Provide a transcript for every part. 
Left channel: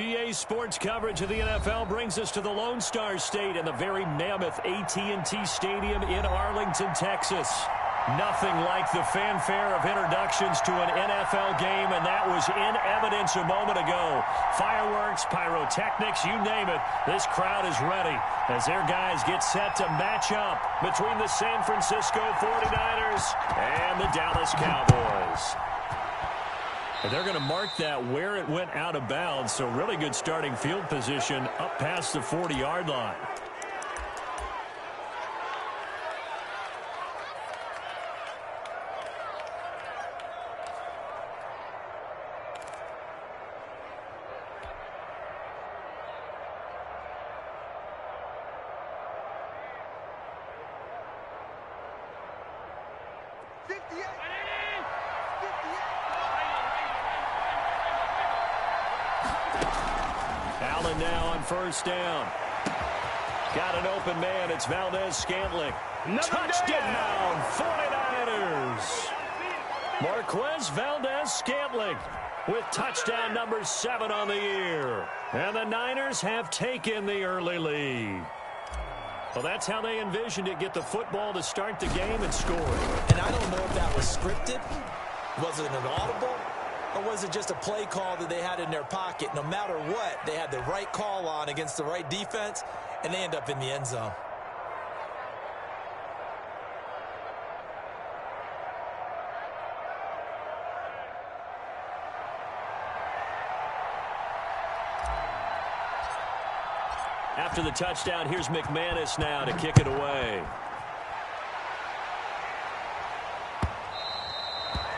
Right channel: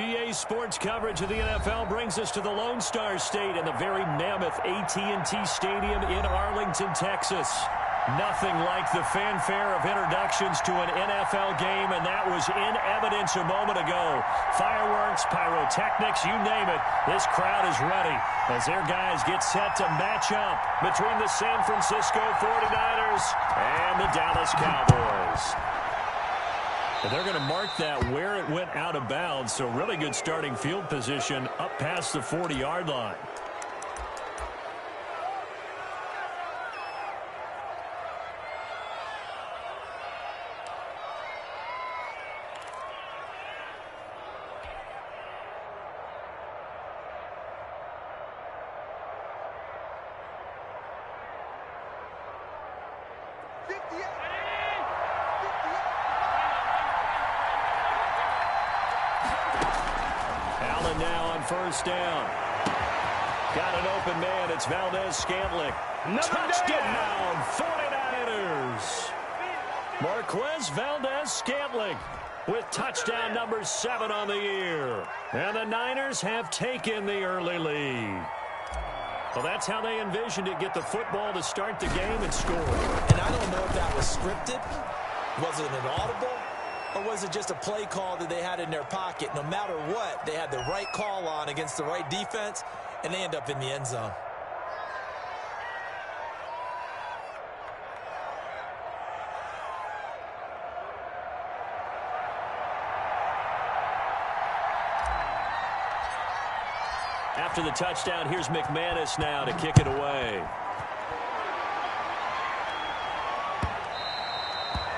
EA Sports coverage of the NFL brings us to the Lone Star State and the very mammoth AT&T Stadium in Arlington, Texas. Nothing like the fanfare of introductions to an NFL game, and that was in evidence a moment ago. Fireworks, pyrotechnics, you name it. This crowd is ready as their guys get set to match up between the San Francisco 49ers and the Dallas Cowboys. And they're going to mark that where it went out of bounds, so really good starting field position up past the 40-yard line. Allen now on first down. Got an open man. It's Valdez-Scantling. Touchdown, 49ers. Marquez Valdez-Scantling with touchdown number 7 on the year. And the Niners have taken the early lead. Well, that's how they envisioned it. Get the football to start the game and score. And I don't know if that was scripted. Was it an audible? Or was it just a play call that they had in their pocket? No matter what, they had the right call on against the right defense, and they end up in the end zone. After the touchdown, here's McManus now to kick it away.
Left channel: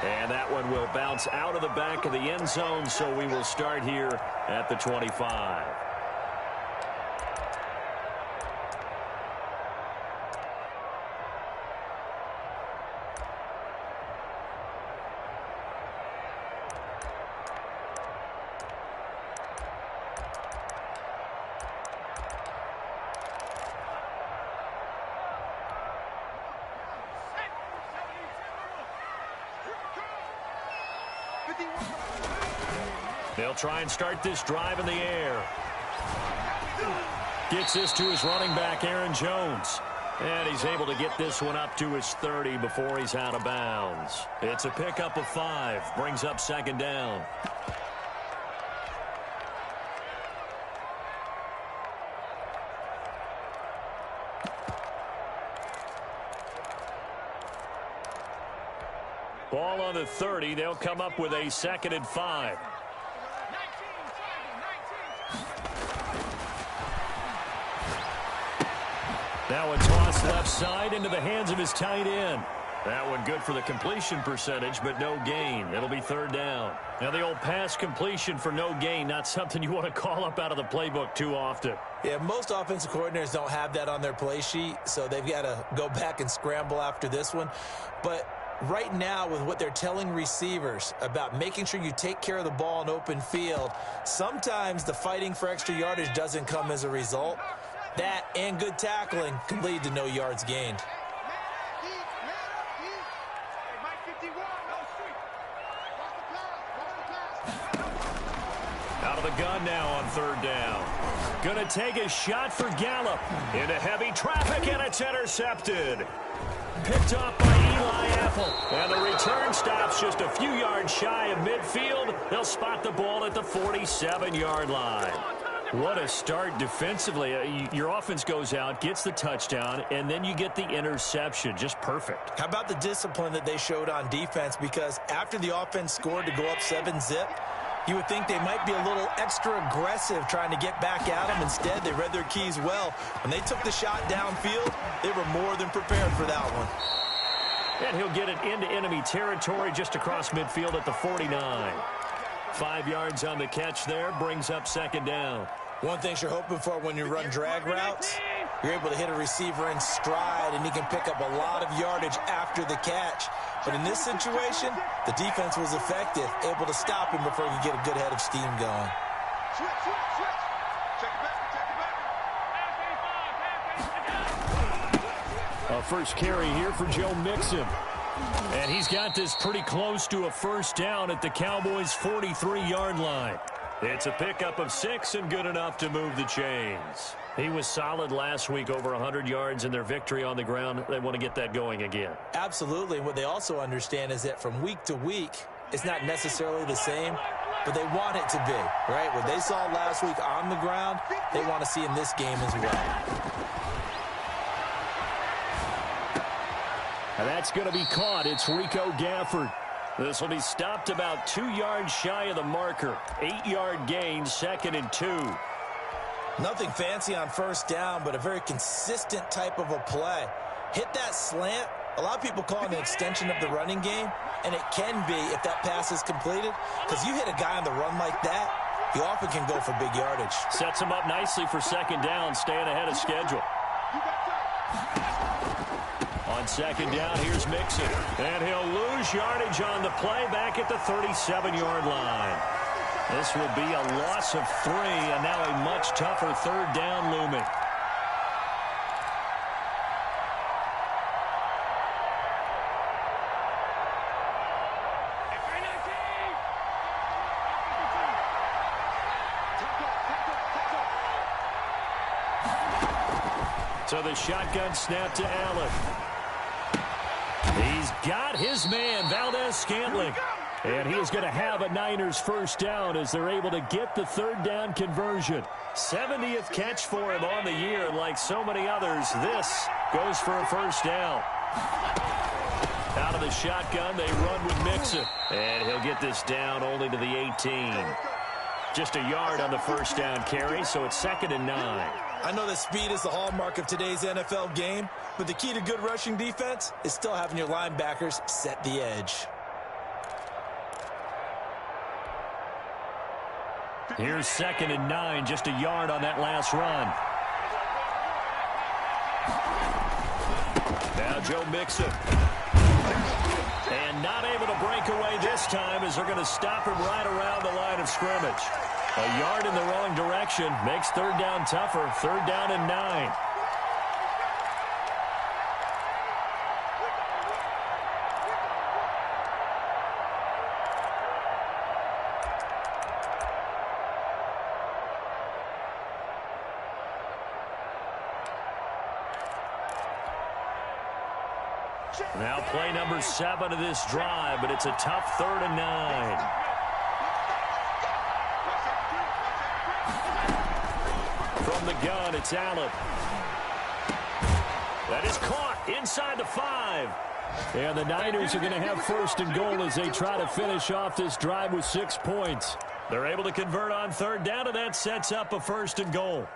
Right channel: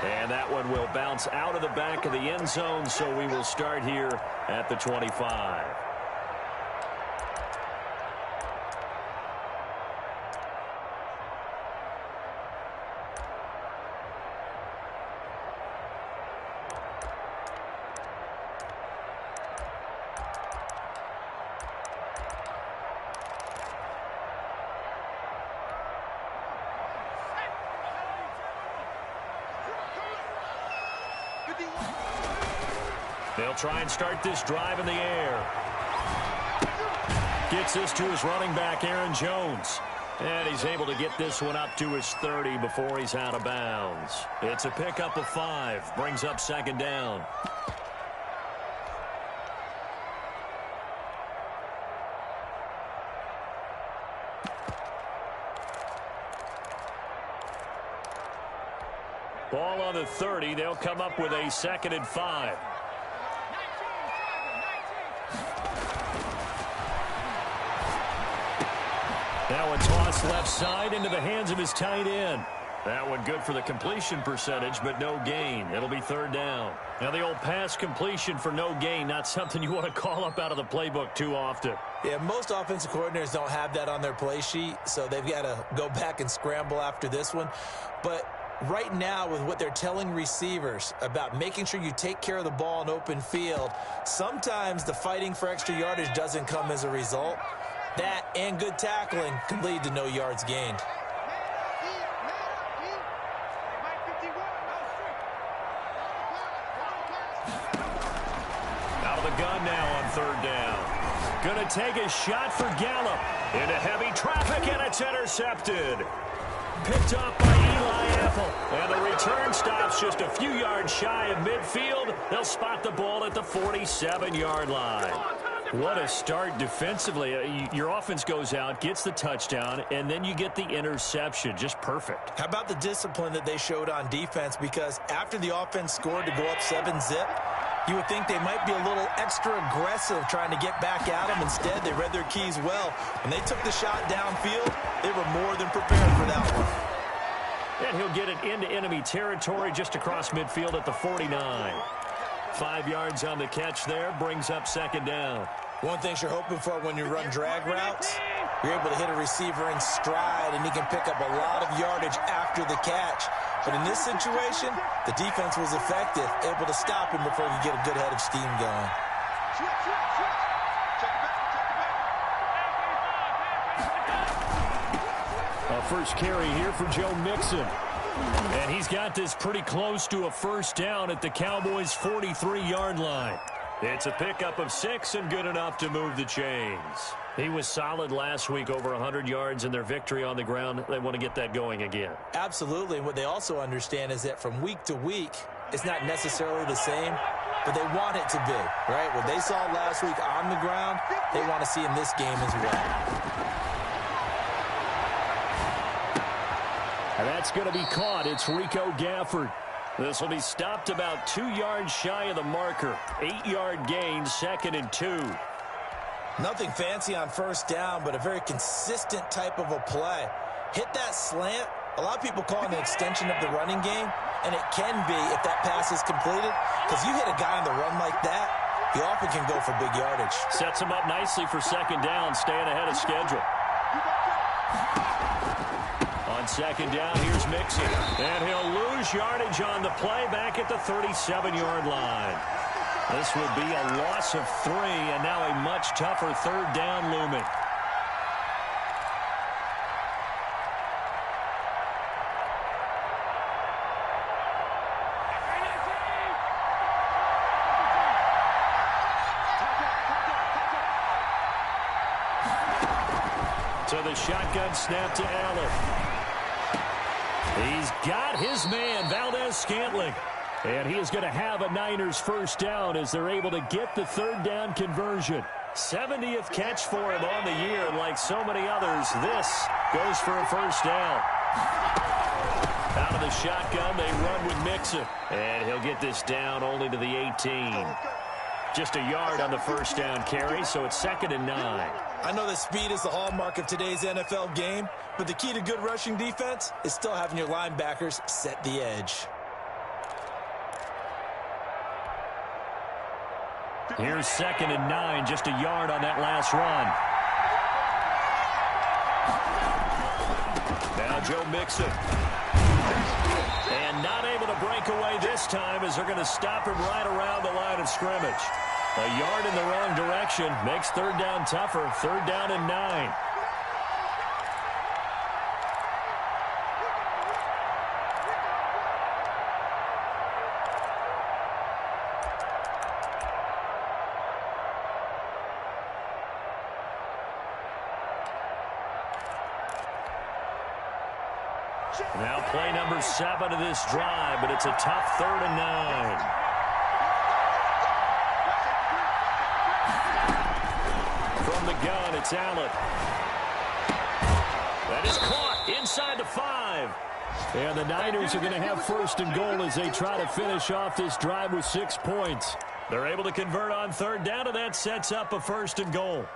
And that one will bounce out of the back of the end zone, so we will start here at the 25. They'll try and start this drive in the air. Gets this to his running back, Aaron Jones. And he's able to get this one up to his 30 before he's out of bounds. It's a pickup of 5. Brings up second down. Ball on the 30. They'll come up with a 2nd and 5. Now a toss left side into the hands of his tight end. That one good for the completion percentage, but no gain. It'll be 3rd down. Now the old pass completion for no gain, not something you want to call up out of the playbook too often. Yeah, most offensive coordinators don't have that on their play sheet, so they've got to go back and scramble after this one. But right now, with what they're telling receivers about making sure you take care of the ball in open field, sometimes the fighting for extra yardage doesn't come as a result. That and good tackling can lead to no yards gained. Out of the gun now on 3rd down. Gonna take a shot for Gallup. Into heavy traffic, and it's intercepted. Picked up by Eli Apple. And the return stops just a few yards shy of midfield. They'll spot the ball at the 47-yard line. What a start defensively. Your offense goes out, gets the touchdown, and then you get the interception. Just perfect. How about the discipline that they showed on defense? Because after the offense scored to go up 7-zip, you would think they might be a little extra aggressive trying to get back at them. Instead, they read their keys well. When they took the shot downfield, they were more than prepared for that one. And he'll get it into enemy territory just across midfield at the 49. 5 yards on the catch there, brings up 2nd down. One thing you're hoping for when you run drag routes, you're able to hit a receiver in stride, and he can pick up a lot of yardage after the catch. But in this situation, the defense was effective, able to stop him before he could get a good head of steam going. Switch. Check it back. A first carry here for Joe Mixon. And he's got this pretty close to a 1st down at the Cowboys' 43-yard line. It's a pickup of 6 and good enough to move the chains. He was solid last week, over 100 yards in their victory on the ground. They want to get that going again. Absolutely. And what they also understand is that from week to week, it's not necessarily the same, but they want it to be, right? What they saw last week on the ground, they want to see in this game as well. And that's going to be caught. It's Rico Gafford. This will be stopped about 2 yards shy of the marker. 8-yard gain, 2nd and 2. Nothing fancy on first down, but a very consistent type of a play. Hit that slant. A lot of people call it an extension of the running game, and it can be if that pass is completed, because you hit a guy on the run like that, he often can go for big yardage. Sets him up nicely for 2nd down, staying ahead of schedule. On 2nd down, here's Mixon. And he'll lose yardage on the play back at the 37-yard line. This will be a loss of 3, and now a much tougher 3rd down looming. So the shotgun snap to Allen. He's got his man, Valdez-Scantling. And he is going to have a Niners first down as they're able to get the 3rd down conversion. 70th catch for him on the year, and like so many others, this goes for a first down. Out of the shotgun, they run with Mixon. And he'll get this down only to the 18. Just a yard on the first down carry, so it's 2nd and 9. I know that speed is the hallmark of today's NFL game, but the key to good rushing defense is still having your linebackers set the edge. Here's 2nd and 9, just a yard on that last run. Now Joe Mixon. And not able to break away this time as they're going to stop him right around the line of scrimmage. A yard in the wrong direction makes 3rd down tougher. 3rd down and 9. Now play number 7 of this drive, but it's a tough 3rd and 9. From the gun, it's Allen. That is caught inside the 5. And the Niners are going to have 1st and goal as they try to finish off this drive with 6 points. They're able to convert on 3rd down, and that sets up a 1st and goal.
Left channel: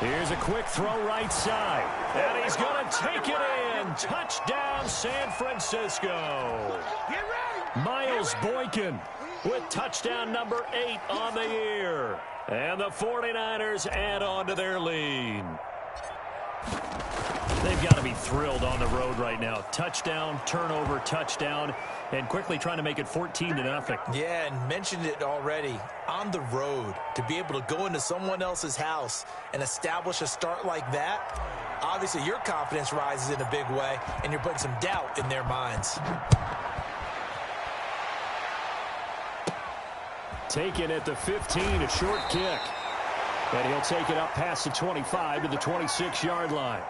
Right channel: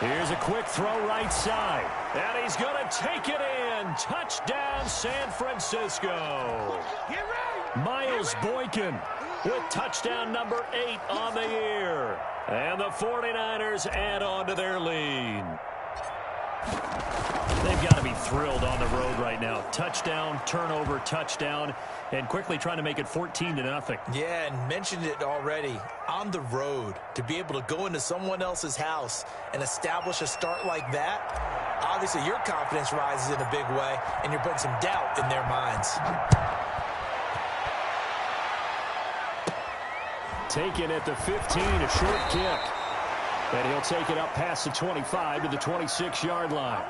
Here's a quick throw right side. And he's going to take it in. Touchdown, San Francisco. Miles Boykin with touchdown number 8 on the year. And the 49ers add on to their lead. They've got to be thrilled on the road right now. Touchdown, turnover, touchdown, and quickly trying to make it 14-0. Yeah, and mentioned it already. On the road, to be able to go into someone else's house and establish a start like that, obviously your confidence rises in a big way, and you're putting some doubt in their minds. Taken at the 15, a short kick. And he'll take it up past the 25 to the 26-yard line.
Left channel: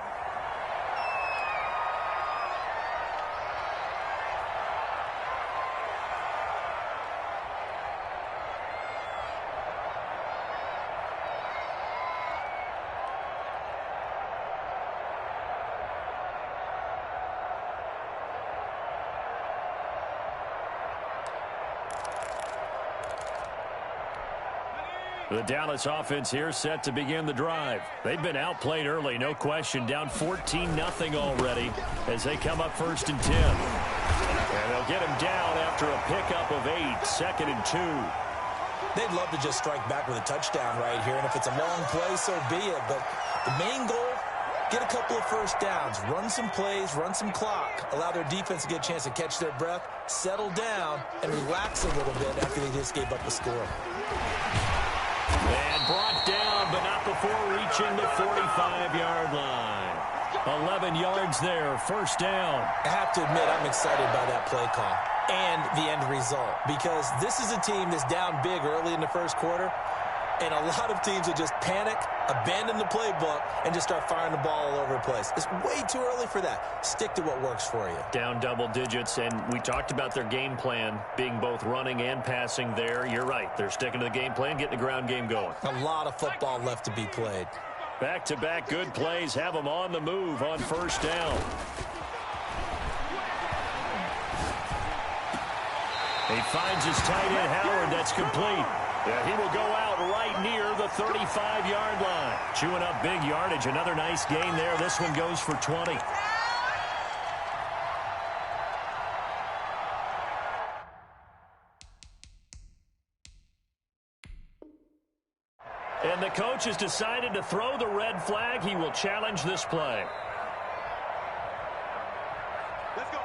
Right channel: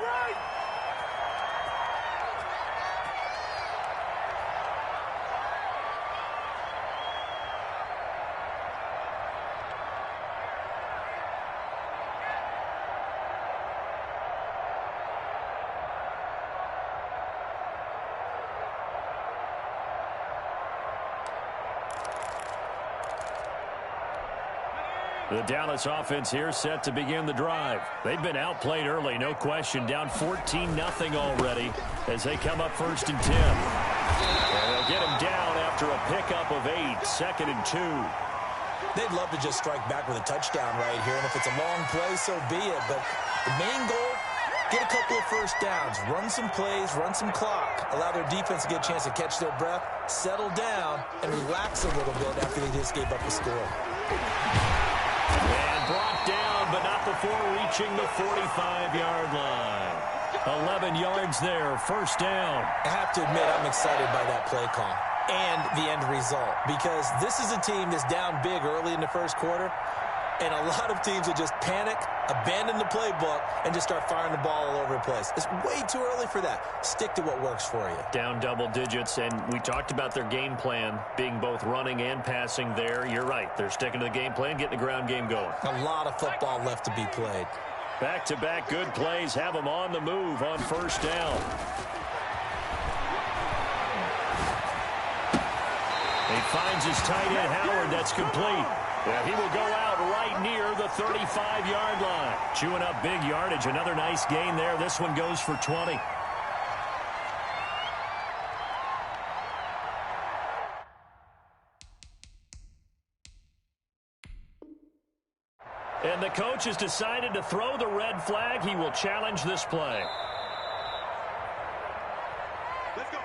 The Dallas offense here set to begin the drive. They've been outplayed early, no question. Down 14-0 already as they come up 1st and 10. And they'll get him down after a pickup of 8, 2nd and 2. They'd love to just strike back with a touchdown right here, and if it's a long play, so be it. But the main goal, get a couple of first downs, run some plays, run some clock, allow their defense to get a chance to catch their breath, settle down, and relax a little bit after they just gave up a score. And brought down, but not before reaching the 45-yard line. 11 yards there, first down. I have to admit, I'm excited by that play call and the end result, because this is a team that's down big early in the first quarter, and a lot of teams will just panic, abandon the playbook, and just start firing the ball all over the place. It's way too early for that. Stick to what works for you. Down double digits, and we talked about their game plan being both running and passing there. You're right. They're sticking to the game plan, getting the ground game going. A lot of football left to be played. Back-to-back good plays have them on the move on first down. He finds his tight end, Howard. That's complete. Yeah, he will go out right near the 35-yard line. Chewing up big yardage. Another nice gain there. This one goes for 20. And the coach has decided to throw the red flag. He will challenge this play. Let's go.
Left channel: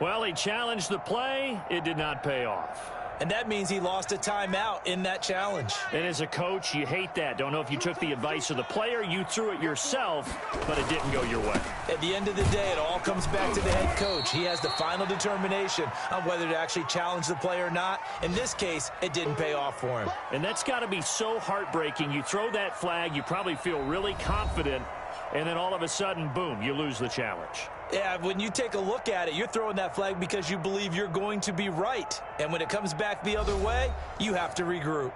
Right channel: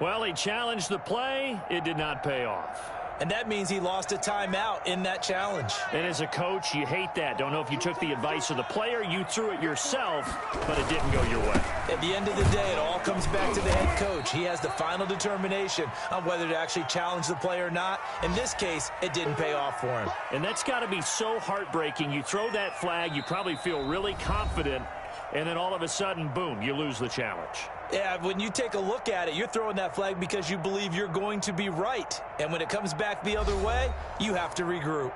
Well, he challenged the play. It did not pay off. And that means he lost a timeout in that challenge. And as a coach, you hate that. Don't know if you took the advice of the player. You threw it yourself, but it didn't go your way. At the end of the day, it all comes back to the head coach. He has the final determination on whether to actually challenge the play or not. In this case, it didn't pay off for him. And that's got to be so heartbreaking. You throw that flag, you probably feel really confident, and then all of a sudden, boom, you lose the challenge. Yeah, when you take a look at it, you're throwing that flag because you believe you're going to be right. And when it comes back the other way, you have to regroup.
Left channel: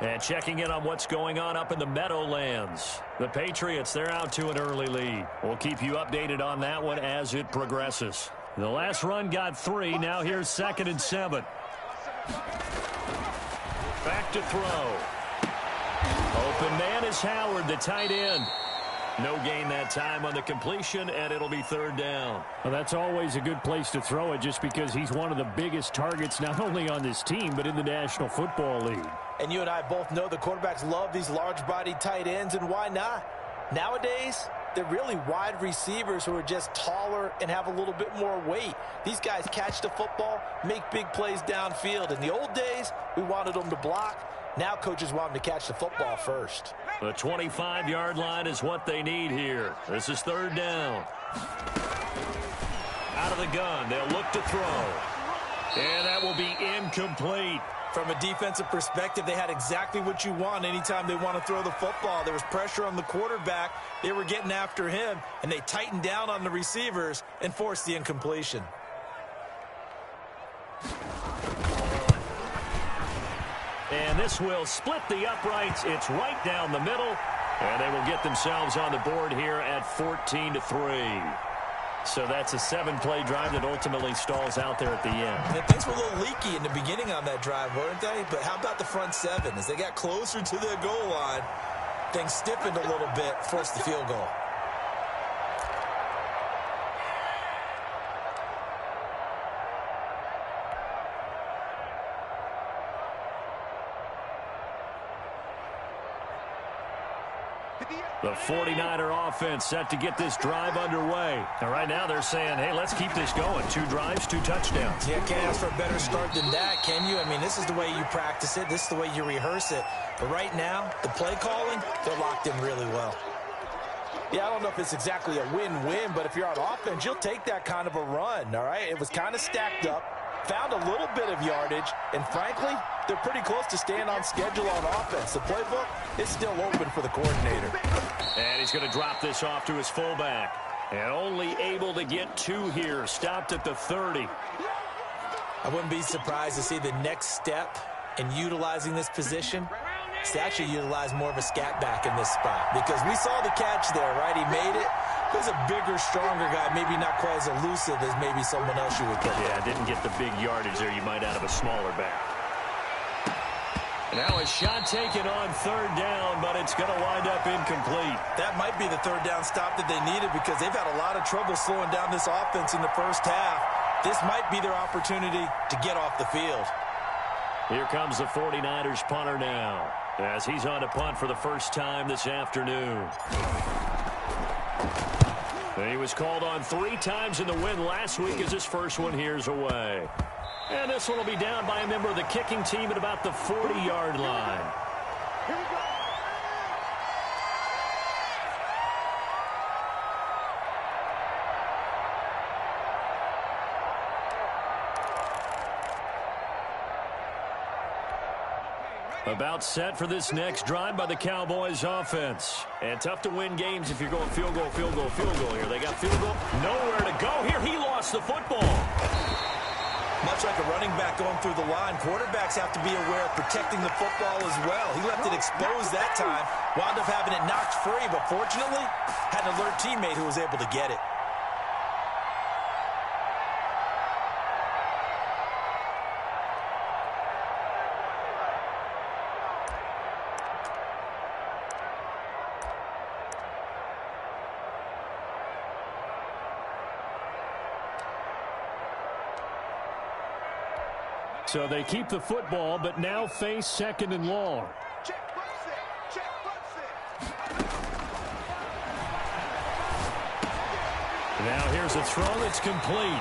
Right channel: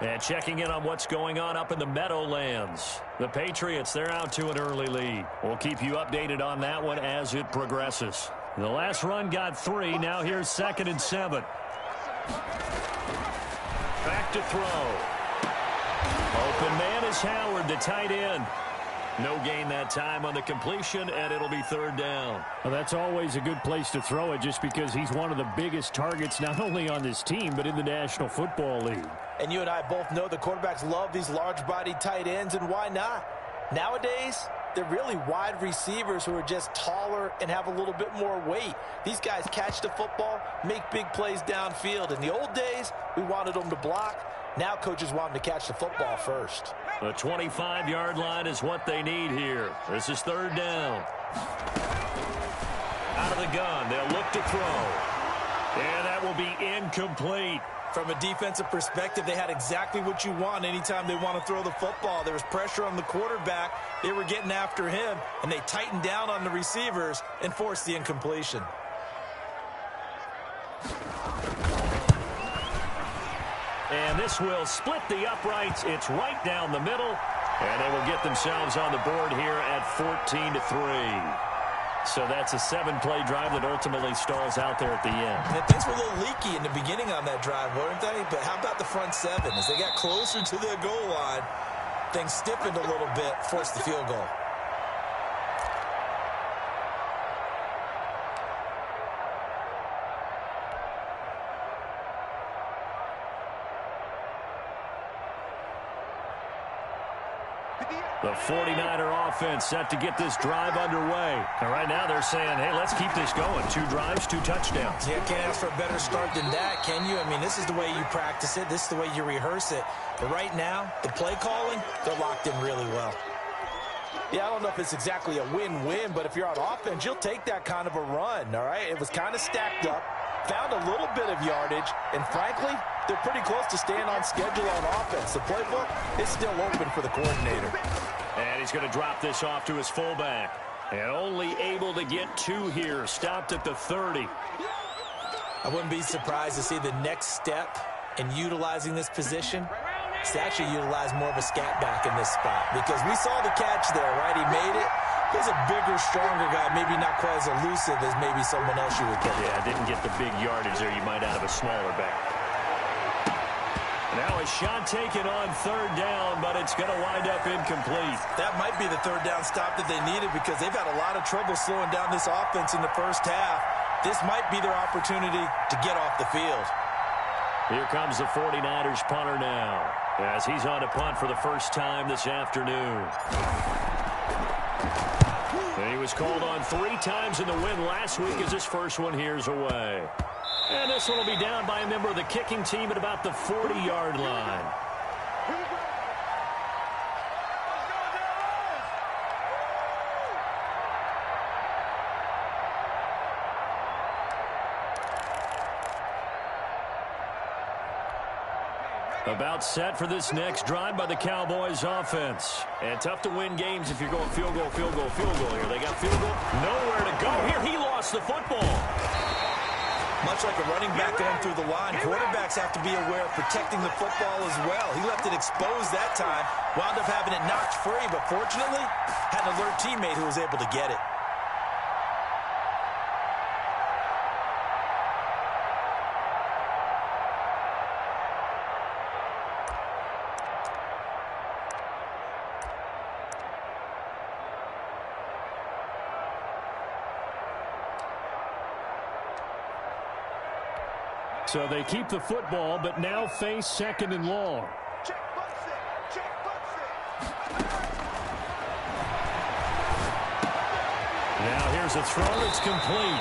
And checking in on what's going on up in the Meadowlands. The Patriots, they're out to an early lead. We'll keep you updated on that one as it progresses. The last run got 3. Now here's 2nd and 7. Back to throw. Open man is Howard, the tight end. No gain that time on the completion, and it'll be 3rd down. Well, that's always a good place to throw it just because he's one of the biggest targets not only on this team but in the National Football League. And you and I both know the quarterbacks love these large-bodied tight ends, and why not? Nowadays, they're really wide receivers who are just taller and have a little bit more weight. These guys catch the football, make big plays downfield. In the old days, we wanted them to block. Now coaches want them to catch the football first. The 25-yard line is what they need here. This is 3rd down. Out of the gun, they'll look to throw. And that will be incomplete. From a defensive perspective, they had exactly what you want anytime they want to throw the football. There was pressure on the quarterback. They were getting after him, and they tightened down on the receivers and forced the incompletion. And this will split the uprights. It's right down the middle. And they will get themselves on the board here at 14-3. So that's a 7-play drive that ultimately stalls out there at the end. And things were a little leaky in the beginning on that drive, weren't they? But how about the front 7? As they got closer to the goal line, things stiffened a little bit, forced the field goal. The 49er offense set to get this drive underway. And right now they're saying, hey, let's keep this going. 2 drives, 2 touchdowns. Yeah, can't ask for a better start than that, can you? I mean, this is the way you practice it. This is the way you rehearse it. But right now, the play calling, they're locked in really well. Yeah, I don't know if it's exactly a win-win, but if you're on offense, you'll take that kind of a run, all right? It was kind of stacked up, found a little bit of yardage, and frankly, they're pretty close to staying on schedule on offense. The playbook is still open for the coordinator. And he's going to drop this off to his fullback. And only able to get 2 here. Stopped at the 30. I wouldn't be surprised to see the next step in utilizing this position is to actually utilize more of a scat back in this spot. Because we saw the catch there, right? He made it. He's a bigger, stronger guy, maybe not quite as elusive as maybe someone else you would think. Yeah, didn't get the big yardage there you might out of a smaller back. Now a shot taken on 3rd down, but it's going to wind up incomplete. That might be the 3rd down stop that they needed because they've had a lot of trouble slowing down this offense in the first half. This might be their opportunity to get off the field. Here comes the 49ers punter now, as he's on to punt for the first time this afternoon. He was called on 3 times in the win last week as his first one here's away. And this one will be down by a member of the kicking team at about the 40-yard line. Here we go. About set for this next drive by the Cowboys offense. And tough to win games if you're going field goal, field goal, field goal here. They got field goal. Nowhere to go here. He lost the football. Much like a running back going through the line, quarterbacks have to be aware of protecting the football as well. He left it exposed that time, wound up having it knocked free, but fortunately, had an alert teammate who was able to get it. So they keep the football, but now face 2nd and long. Check butt set. Check butt set. Now here's a throw that's complete.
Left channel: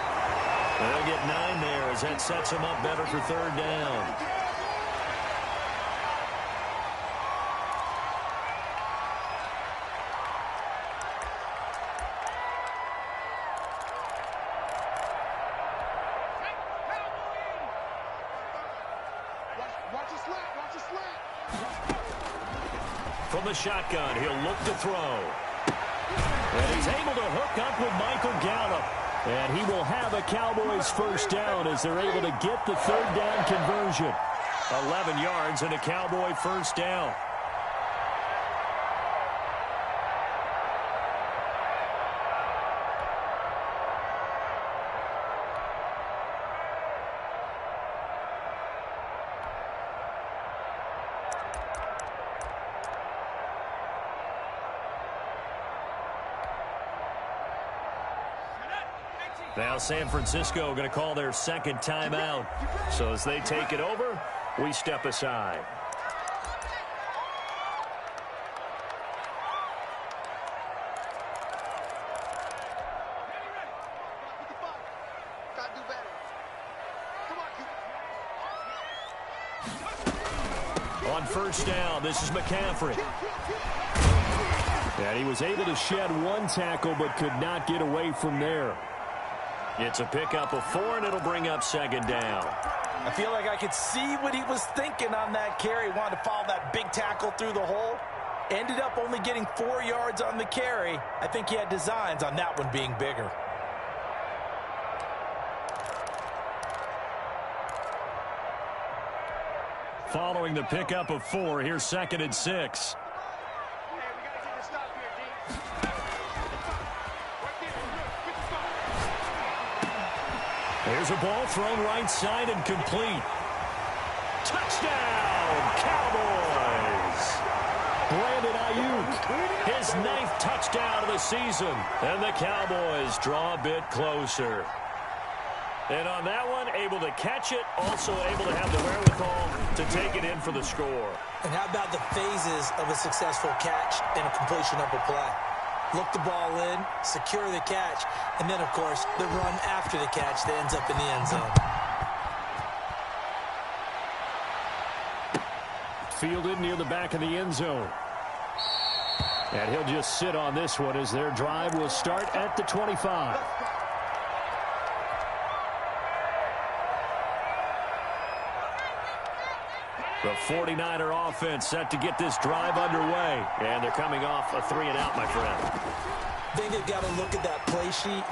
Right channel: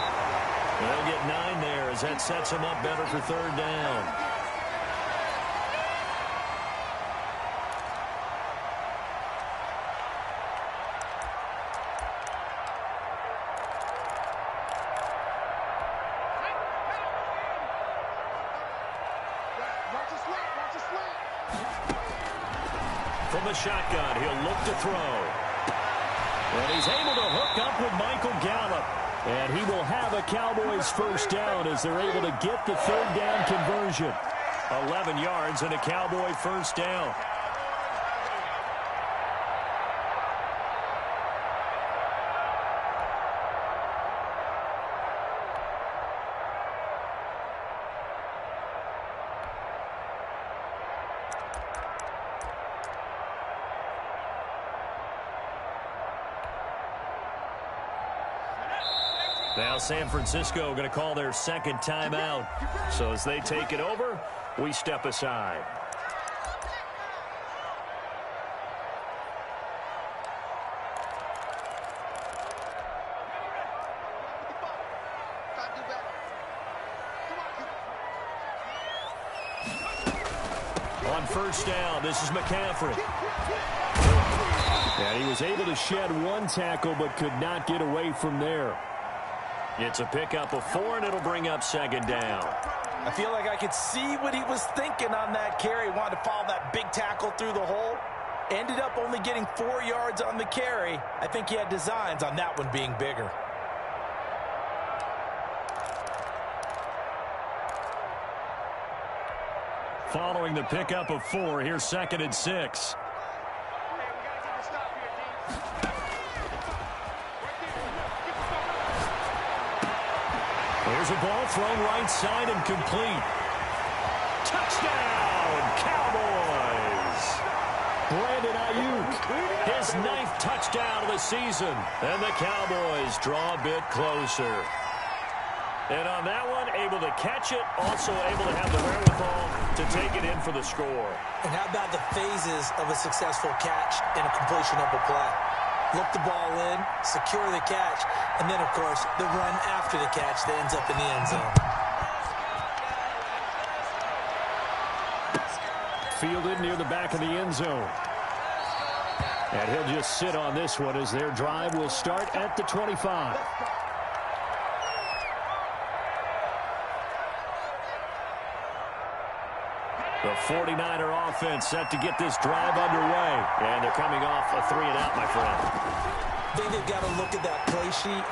They'll get 9 there as that sets them up better for 3rd down. Watch the slant. Watch the slant. From the shotgun, he'll look to throw. And he's able to hook up with Michael Gallup. And he will have a Cowboys first down as they're able to get the 3rd down conversion. 11 yards and a Cowboy first down. Now San Francisco going to call their 2nd timeout. So as they take it over, we step aside. Gotta do better. Come on, On first down, this is McCaffrey. And he was able to shed 1 tackle but could not get away from there. It's a pickup of 4, and it'll bring up 2nd down. I feel like I could see what he was thinking on that carry. Wanted to follow that big tackle through the hole. Ended up only getting 4 yards on the carry. I think he had designs on that one being bigger. Following the pickup of 4, here's 2nd and 6. Hey, we gotta get the stop here, D. Right there. Get the stop. Here's a ball thrown right side and complete. Touchdown, Cowboys! Brandon Ayuk, his 9th touchdown of the season. And the Cowboys draw a bit closer. And on that one, able to catch it, also able to have the wherewithal to take it in for the score. And how about the phases of a successful catch and a completion of a play? Look the ball in, secure the catch, and then, of course, the run after the catch that ends up in the end zone. Fielded near the back of the end zone. And he'll just sit on this one as their drive will start at the 25. The 49er offense set to get this drive underway. And they're coming off a 3-and-out, my friend. I think they've got to look at that play sheet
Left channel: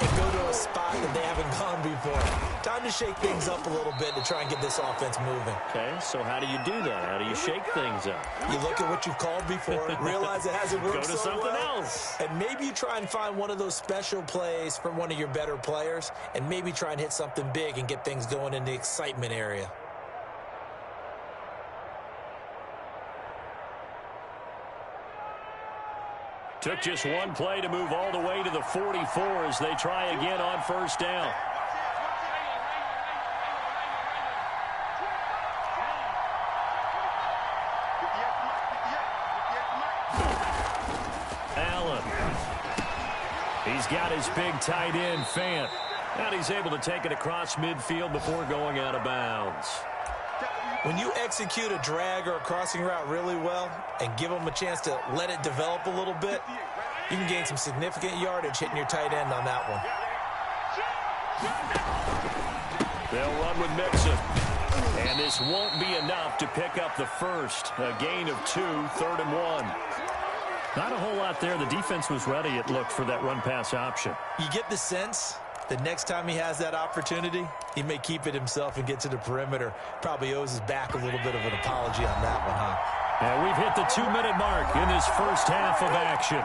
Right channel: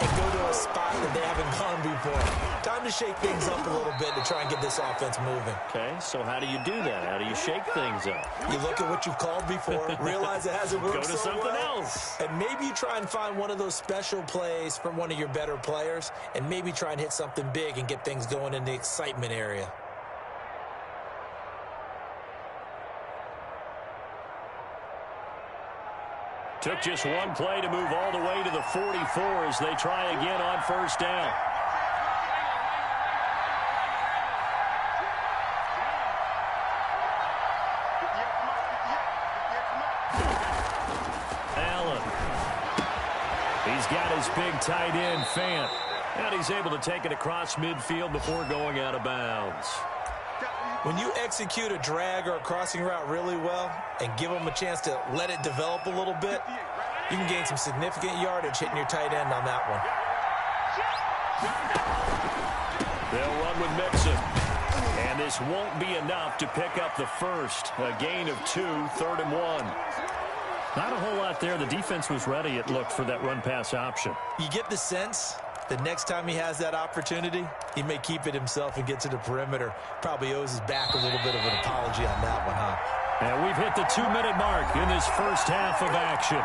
and go to a spot that they haven't gone before. Time to shake things up a little bit to try and get this offense moving. Okay, so how do you do that? How do you shake things up? You look at what you've called before, realize it hasn't worked Go to so something well, else. and maybe you try and find one of those special plays from one of your better players, and maybe try and hit something big and get things going in the excitement area. Took just one play to move all the way to the 44 as they try again on first down. He's got his big tight end, Fant. And he's able to take it across midfield before going out of bounds. When you execute a drag or a crossing route really well and give them a chance to let it develop a little bit, you can gain some significant yardage hitting your tight end on that one. They'll run with Mixon. And this won't be enough to pick up the first. A gain of 2, 3rd and 1. Not a whole lot there. The defense was ready, it looked, for that run-pass option. You get the sense the next time he has that opportunity, he may keep it himself and get to the perimeter. Probably owes his back a little bit of an apology on that one, huh? And we've hit the 2-minute mark in this first half of action.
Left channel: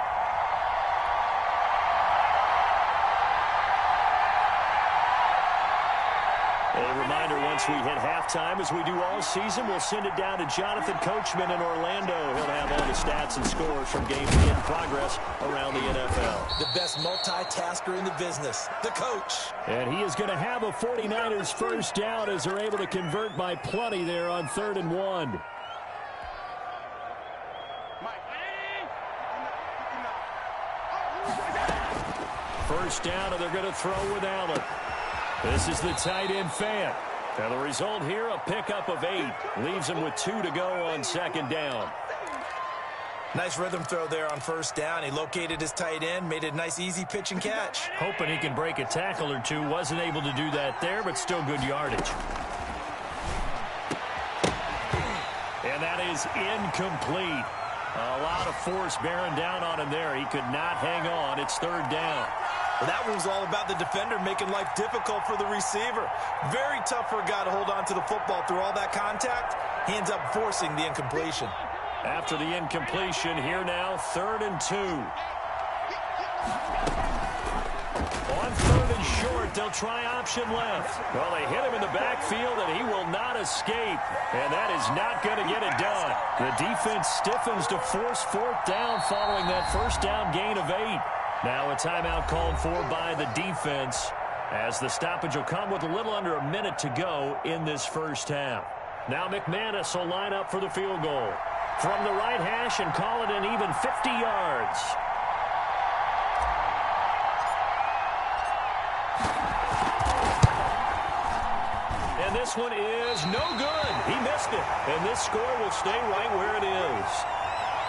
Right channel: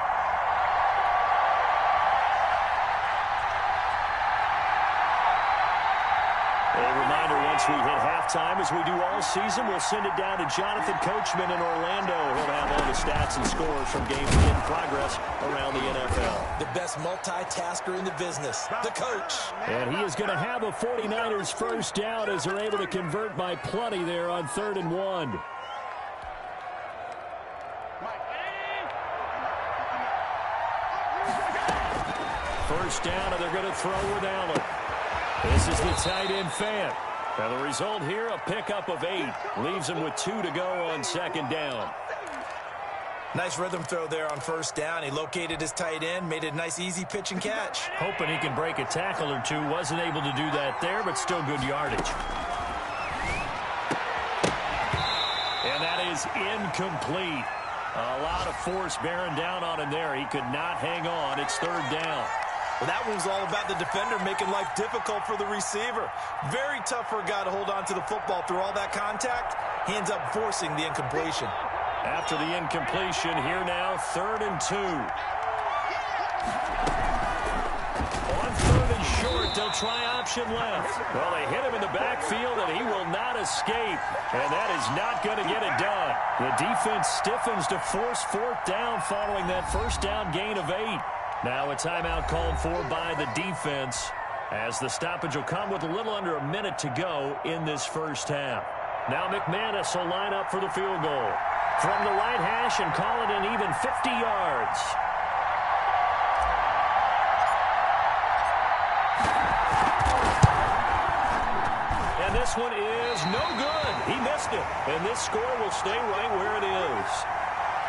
A reminder, once we hit halftime, as we do all season, we'll send it down to Jonathan Coachman in Orlando. He'll have all the stats and scores from games in progress around the NFL. The best multitasker in the business, the coach. And he is going to have a 49ers first down as they're able to convert by plenty there on 3rd and 1. First down, and they're going to throw with Allen. This is the tight end, Fant. And the result here, a pickup of 8. Leaves him with 2 to go on 2nd down. Nice rhythm throw there on 1st down. He located his tight end, made it a nice easy pitch and catch. Hoping he can break a tackle or two. Wasn't able to do that there, but still good yardage. And that is incomplete. A lot of force bearing down on him there. He could not hang on. It's 3rd down. Well, that one was all about the defender making life difficult for the receiver. Very tough for a guy to hold on to the football through all that contact. He ends up forcing the incompletion. After the incompletion, here now, 3rd and 2. On 3rd and short, they'll try option left. Well, they hit him in the backfield, and he will not escape. And that is not going to get it done. The defense stiffens to force 4th down following that first down gain of 8. Now a timeout called for by the defense, as the stoppage will come with a little under a minute to go in this first half. Now McManus will line up for the field goal from the right hash and call it an even 50 yards. And this one is no good. He missed it. And this score will stay right where it is.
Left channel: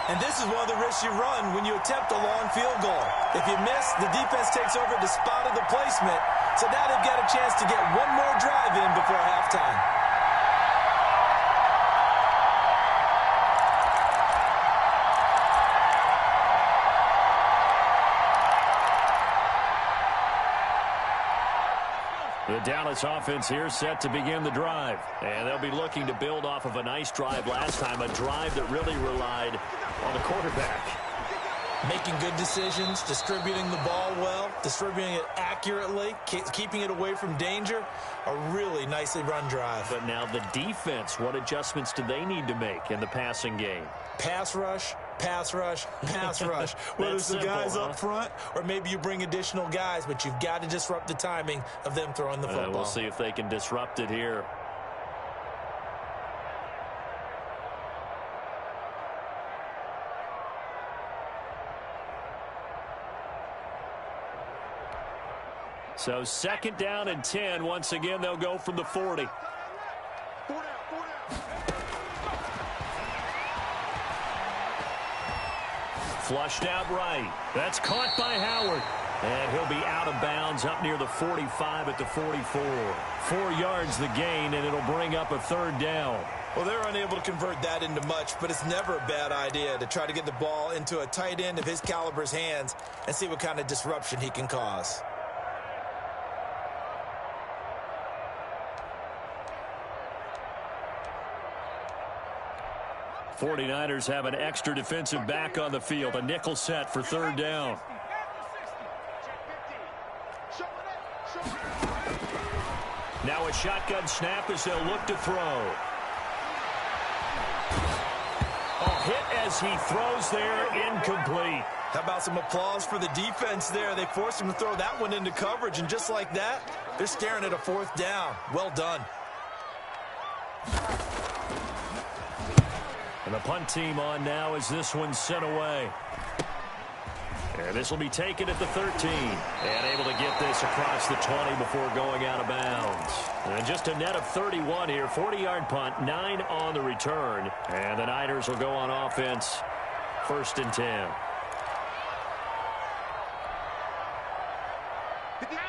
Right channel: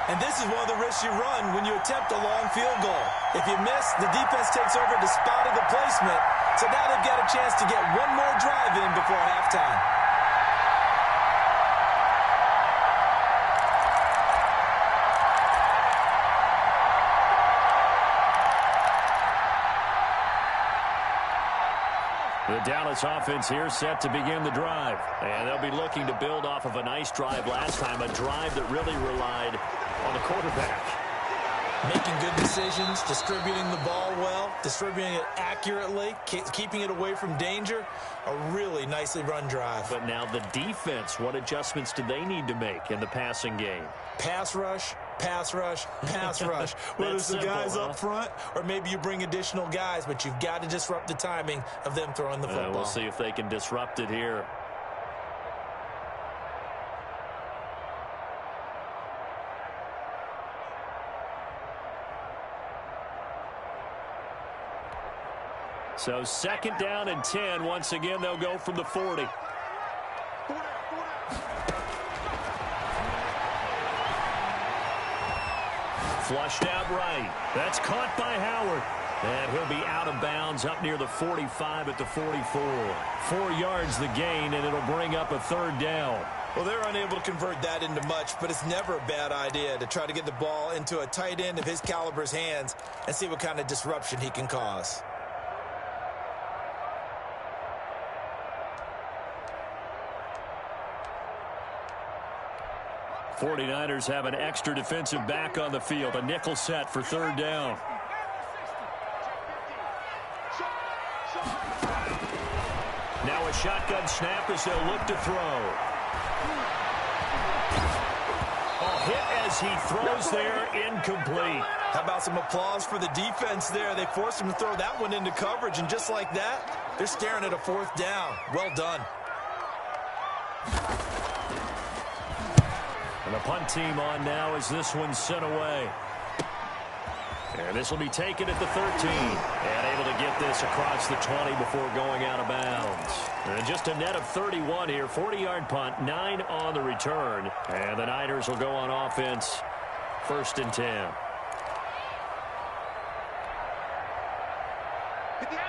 And this is one of the risks you run when you attempt a long field goal. If you miss, the defense takes over the spot of the placement. So now they've got a chance to get one more drive in before halftime. The Dallas offense here set to begin the drive. And they'll be looking to build off of a nice drive last time, a drive that really relied on the quarterback. Making good decisions, distributing the ball well, distributing it accurately, keeping it away from danger. A really nicely run drive. But now the defense, what adjustments do they need to make in the passing game? Pass rush, pass rush, pass rush. Whether it's the guys up front or maybe you bring additional guys, but you've got to disrupt the timing of them throwing the football. We'll see if they can disrupt it here. So 2nd down and 10. Once again, they'll go from the 40. Flushed out right. That's caught by Howard. And he'll be out of bounds up near the 45 at the 44. 4 yards the gain, and it'll bring up a 3rd down. Well, they're unable to convert that into much, but it's never a bad idea to try to get the ball into a tight end of his caliber's hands and see what kind of disruption he can cause. '49ers have an extra defensive back on the field. A nickel set for 3rd down. Now a shotgun snap as they'll look to throw. Oh, hit as he throws there, incomplete. How about some applause for the defense there? They forced him to throw that one into coverage, and just like that, they're staring at a 4th down. Well done. And the punt team on now as this one's sent away. And this will be taken at the 13. And able to get this across the 20 before going out of bounds. And just a net of 31 here. 40-yard punt, 9 on the return. And the Niners will go on offense. 1st and 10.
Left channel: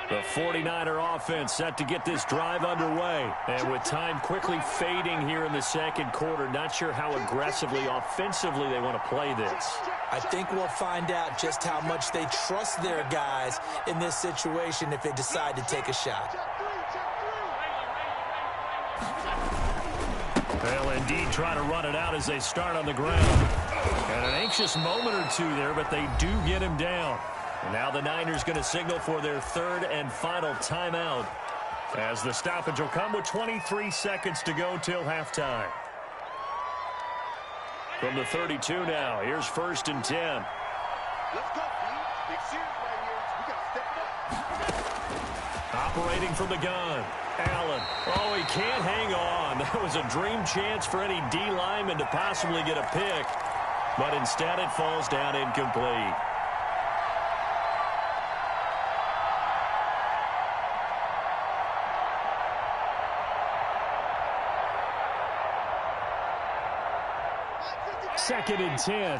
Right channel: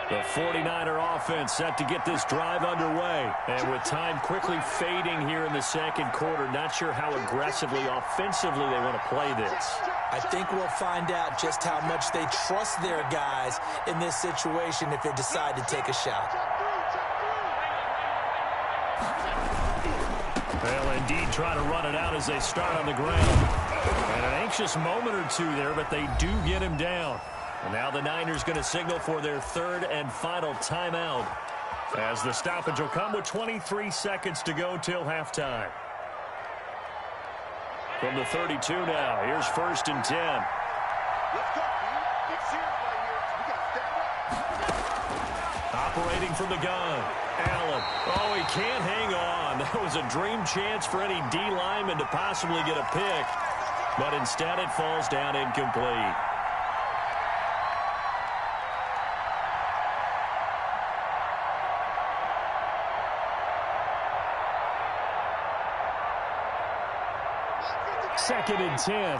The 49er offense set to get this drive underway. And with time quickly fading here in the second quarter, not sure how aggressively, offensively they want to play this. I think we'll find out just how much they trust their guys in this situation if they decide to take a shot. They'll indeed try to run it out as they start on the ground. And an anxious moment or two there, but they do get him down. And now the Niners going to signal for their 3rd and final timeout, as the stoppage will come with 23 seconds to go till halftime. From the 32 now, here's 1st and 10. Let's go, dude. Big series right here. We got to step it up. Operating from the gun, Allen. Oh, he can't hang on. That was a dream chance for any D lineman to possibly get a pick, but instead it falls down incomplete. Second and 10.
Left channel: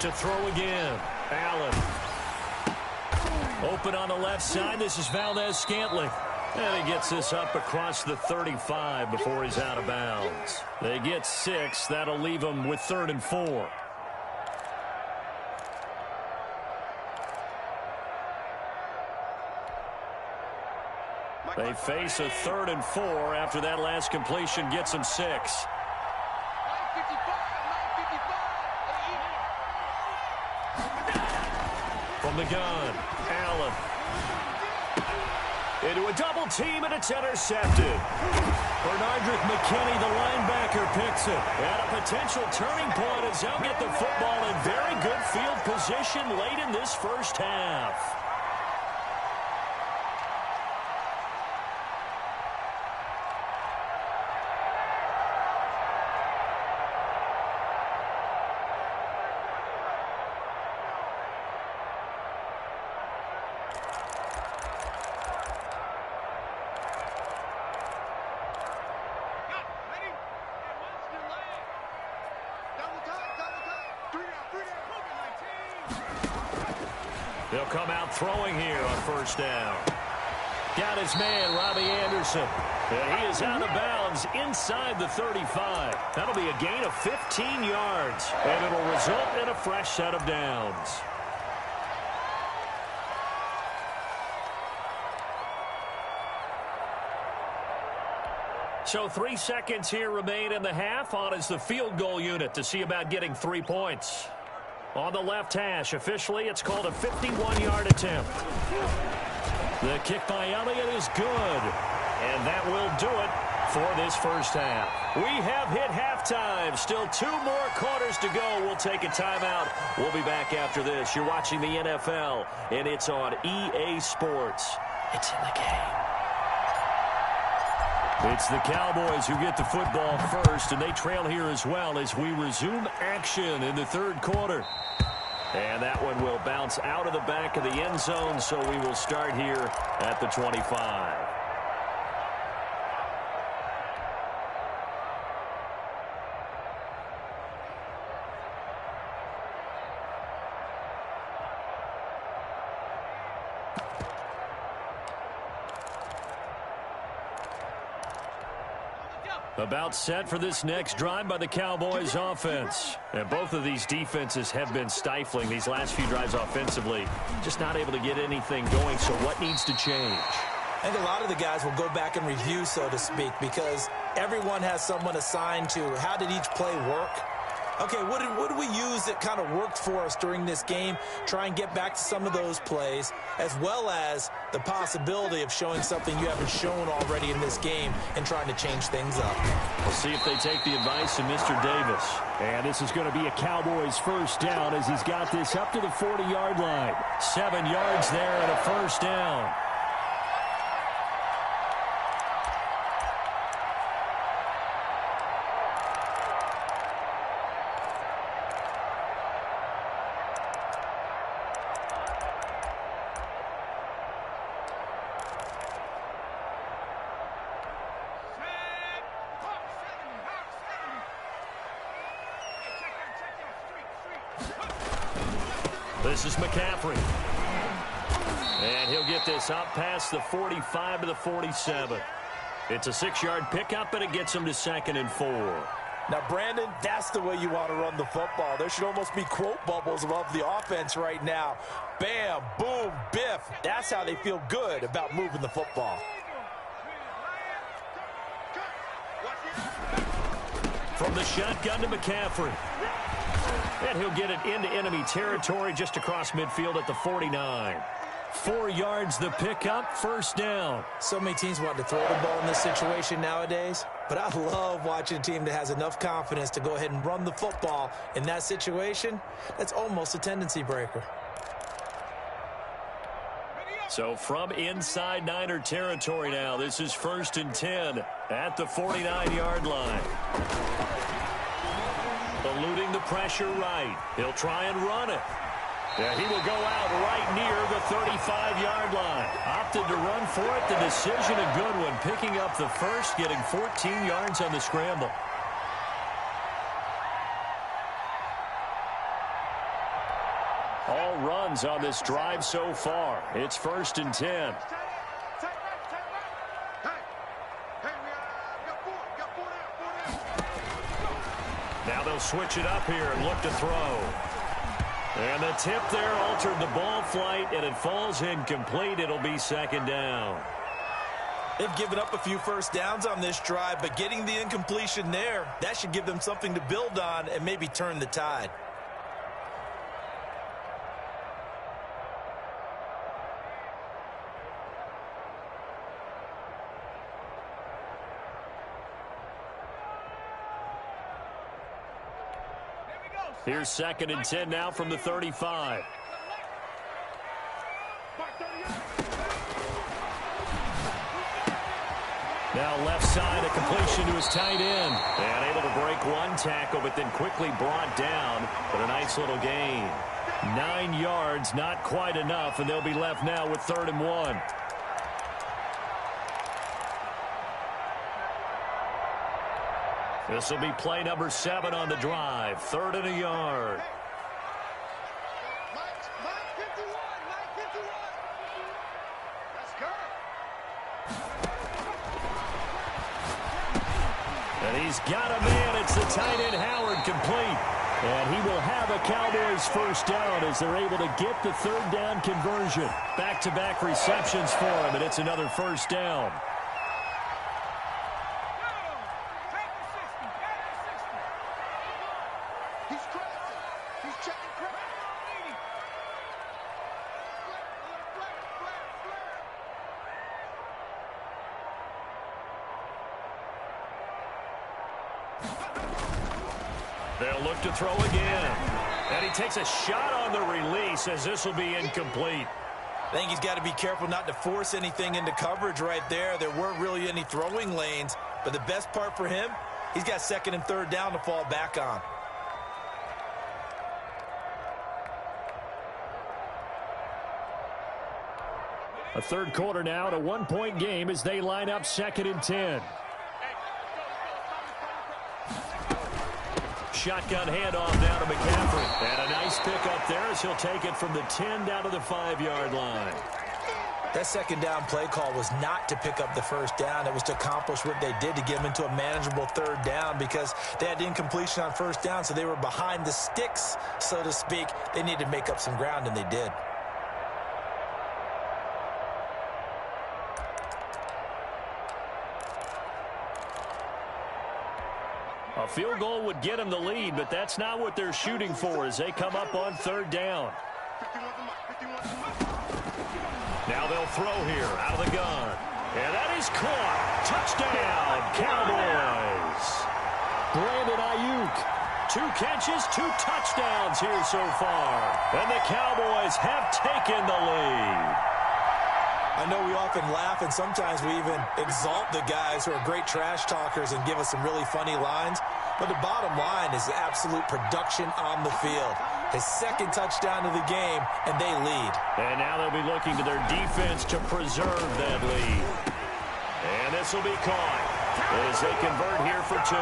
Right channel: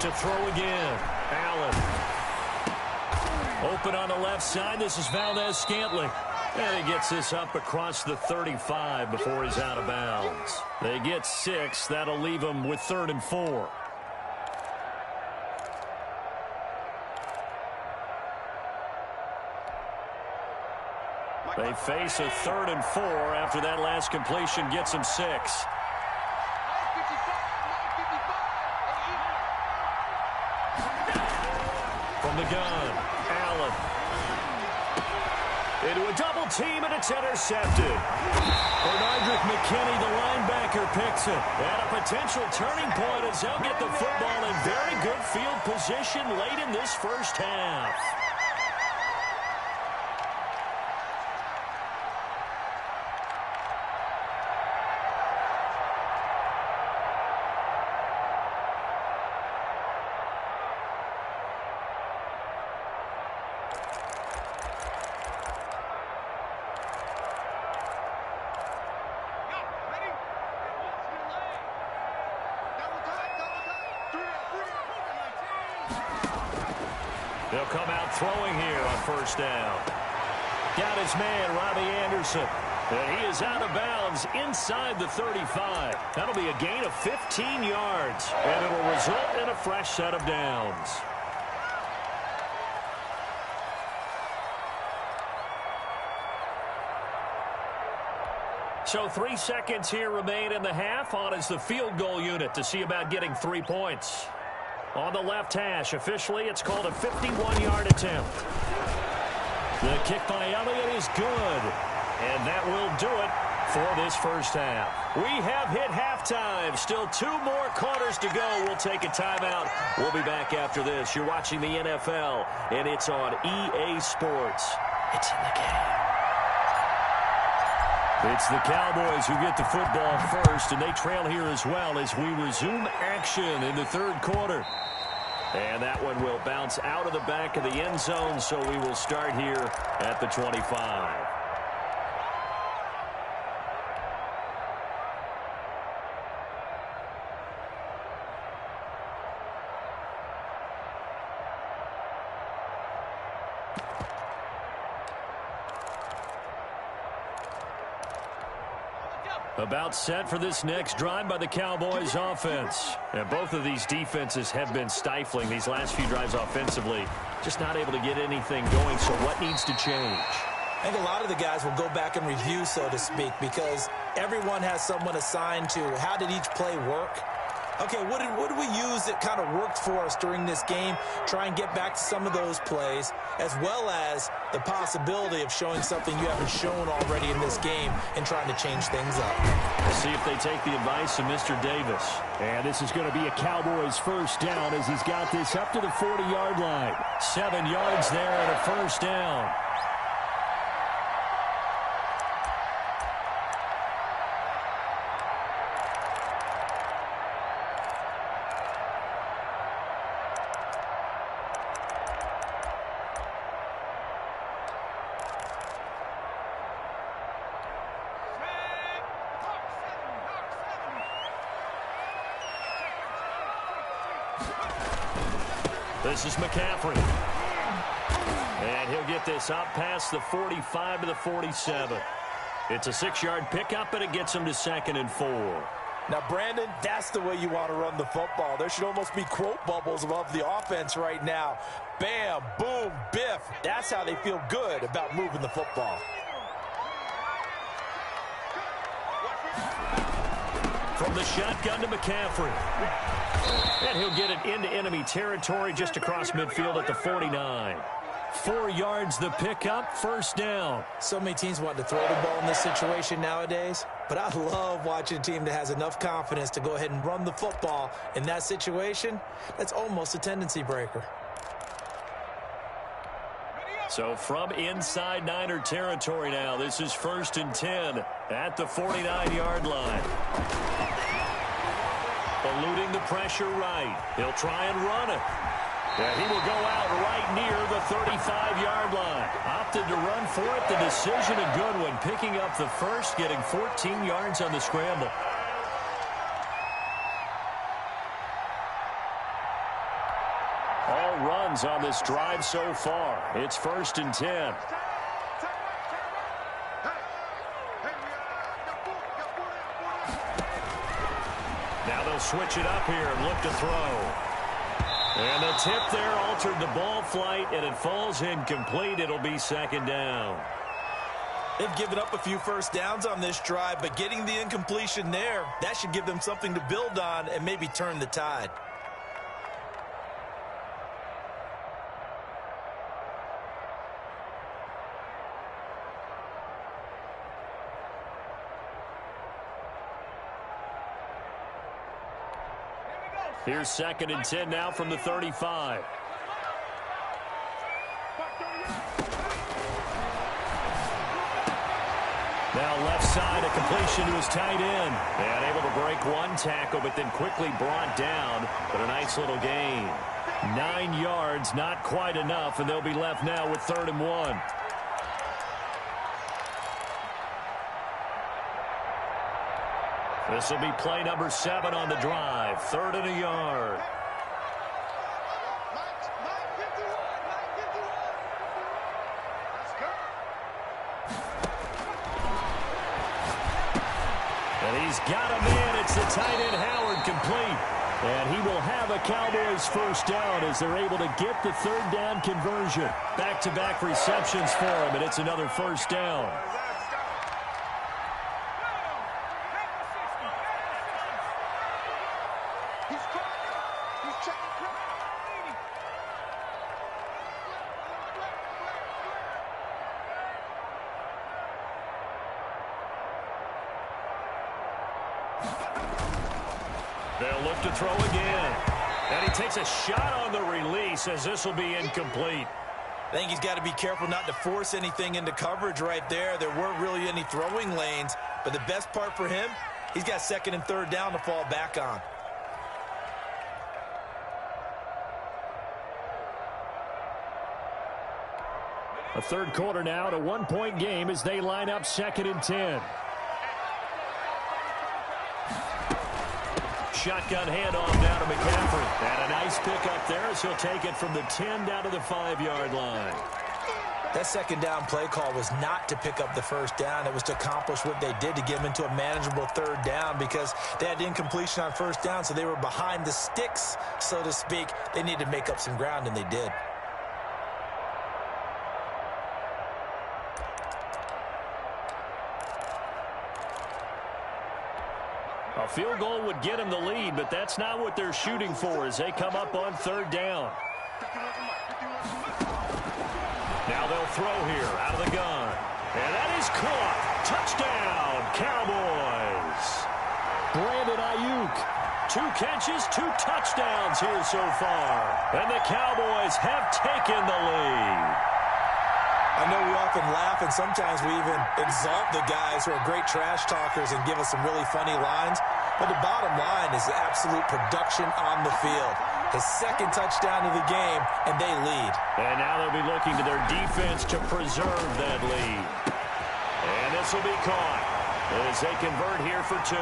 To throw again, Allen. Open on the left side. This is Valdez-Scantling. And he gets this up across the 35 before he's out of bounds. They get 6. That'll leave them with 3rd and 4. They face a 3rd and 4 after that last completion gets them 6. From the gun, Allen. Into a double team, and it's intercepted. Bernardrick McKinney, the linebacker, picks it. At a potential turning point as they'll get the football in very good field position late in this first half. They'll come out throwing here on 1st down. Got his man, Robbie Anderson. And he is out of bounds inside the 35. That'll be a gain of 15 yards. And it'll result in a fresh set of downs. So 3 seconds here remain in the half. On is the field goal unit to see about getting 3 points. On the left hash, officially, it's called a 51-yard attempt. The kick by Elliott is good. And that will do it for this first half. We have hit halftime. Still 2 more quarters to go. We'll take a timeout. We'll be back after this. You're watching the NFL, and it's on EA Sports. It's in the game. It's the Cowboys who get the football first, and they trail here as well as we resume action in the 3rd quarter. And that one will bounce out of the back of the end zone, so we will start here at the 25. About set for this next drive by the Cowboys offense. And both of these defenses have been stifling these last few drives offensively. Just not able to get anything going, so what needs to change? I think a lot of the guys will go back and review, so to speak, because everyone has someone assigned to how did each play work. Okay, what did we use that kind of worked for us during this game? Try and get back to some of those plays, as well as the possibility of showing something you haven't shown already in this game and trying to change things up. We'll see if they take the advice of Mr. Davis. And this is going to be a Cowboys first down as he's got this up to the 40-yard line. 7 yards there and a first down. This is McCaffrey. And he'll get this up past the 45 to the 47. It's a 6-yard pickup, and it gets him to 2nd and 4. Now, Brandon, that's the way you want to run the football. There should almost be quote bubbles above the offense right now. Bam, boom, biff. That's how they feel good about moving the football. From the shotgun to McCaffrey. And he'll get it into enemy territory just across midfield at the 49. 4 yards the pickup, first down. So many teams want to throw the ball in this situation nowadays, but I love watching a team that has enough confidence to go ahead and run the football in that situation. That's almost a tendency breaker. So from inside Niner territory now, this is 1st and 10 at the 49-yard line. Eluding the pressure right. He'll try and run it. Yeah, he will go out right near the 35-yard line. Opted to run for it. The decision a good one. Picking up the first, getting 14 yards on the scramble. All runs on this drive so far. It's 1st and 10. Now they'll switch it up here and look to throw. And the tip there altered the ball flight, and it falls incomplete. It'll be 2nd down. They've given up a few first downs on this drive, but getting the incompletion there, that should give them something to build on and maybe turn the tide. Here's 2nd and 10 now from the 35. Now left side, a completion to his tight end. And able to break one tackle, but then quickly brought down. But a nice little gain. 9 yards, not quite enough, and they'll be left now with 3rd and 1. This will be play number 7 on the drive. 3rd and a yard. Mike 51. Let's go. And he's got a man. It's the tight end Howard, complete. And he will have a Cowboys first down as they're able to get the 3rd down conversion. Back-to-back receptions for him, and it's another first down. They'll look to throw again. And he takes a shot on the release as this will be incomplete. I think he's got to be careful not to force anything into coverage right there. There weren't really any throwing lanes, but the best part for him, he's got 2nd and 3rd down to fall back on. A 3rd quarter now, at a 1-point game as they line up 2nd and 10. Shotgun handoff down to McCaffrey. And a nice pickup there as he'll take it from the 10 down to the 5-yard line. That 2nd down play call was not to pick up the first down. It was to accomplish what they did, to get them into a manageable 3rd down, because they had incompletion on 1st down, so they were behind the sticks, so to speak. They needed to make up some ground, and they did. A field goal would get them the lead, but that's not what they're shooting for as they come up on third down. Now they'll throw here out of the gun. And that is caught. Touchdown, Cowboys. Brandon Ayuk. 2 catches, 2 touchdowns here so far. And the Cowboys have taken the lead. I know we often laugh, and sometimes we even exalt the guys who are great trash talkers and give us some really funny lines. But the bottom line is absolute production on the field. His 2nd touchdown of the game, and they lead. And now they'll be looking to their defense to preserve that lead. And this will be caught as they convert here for 2.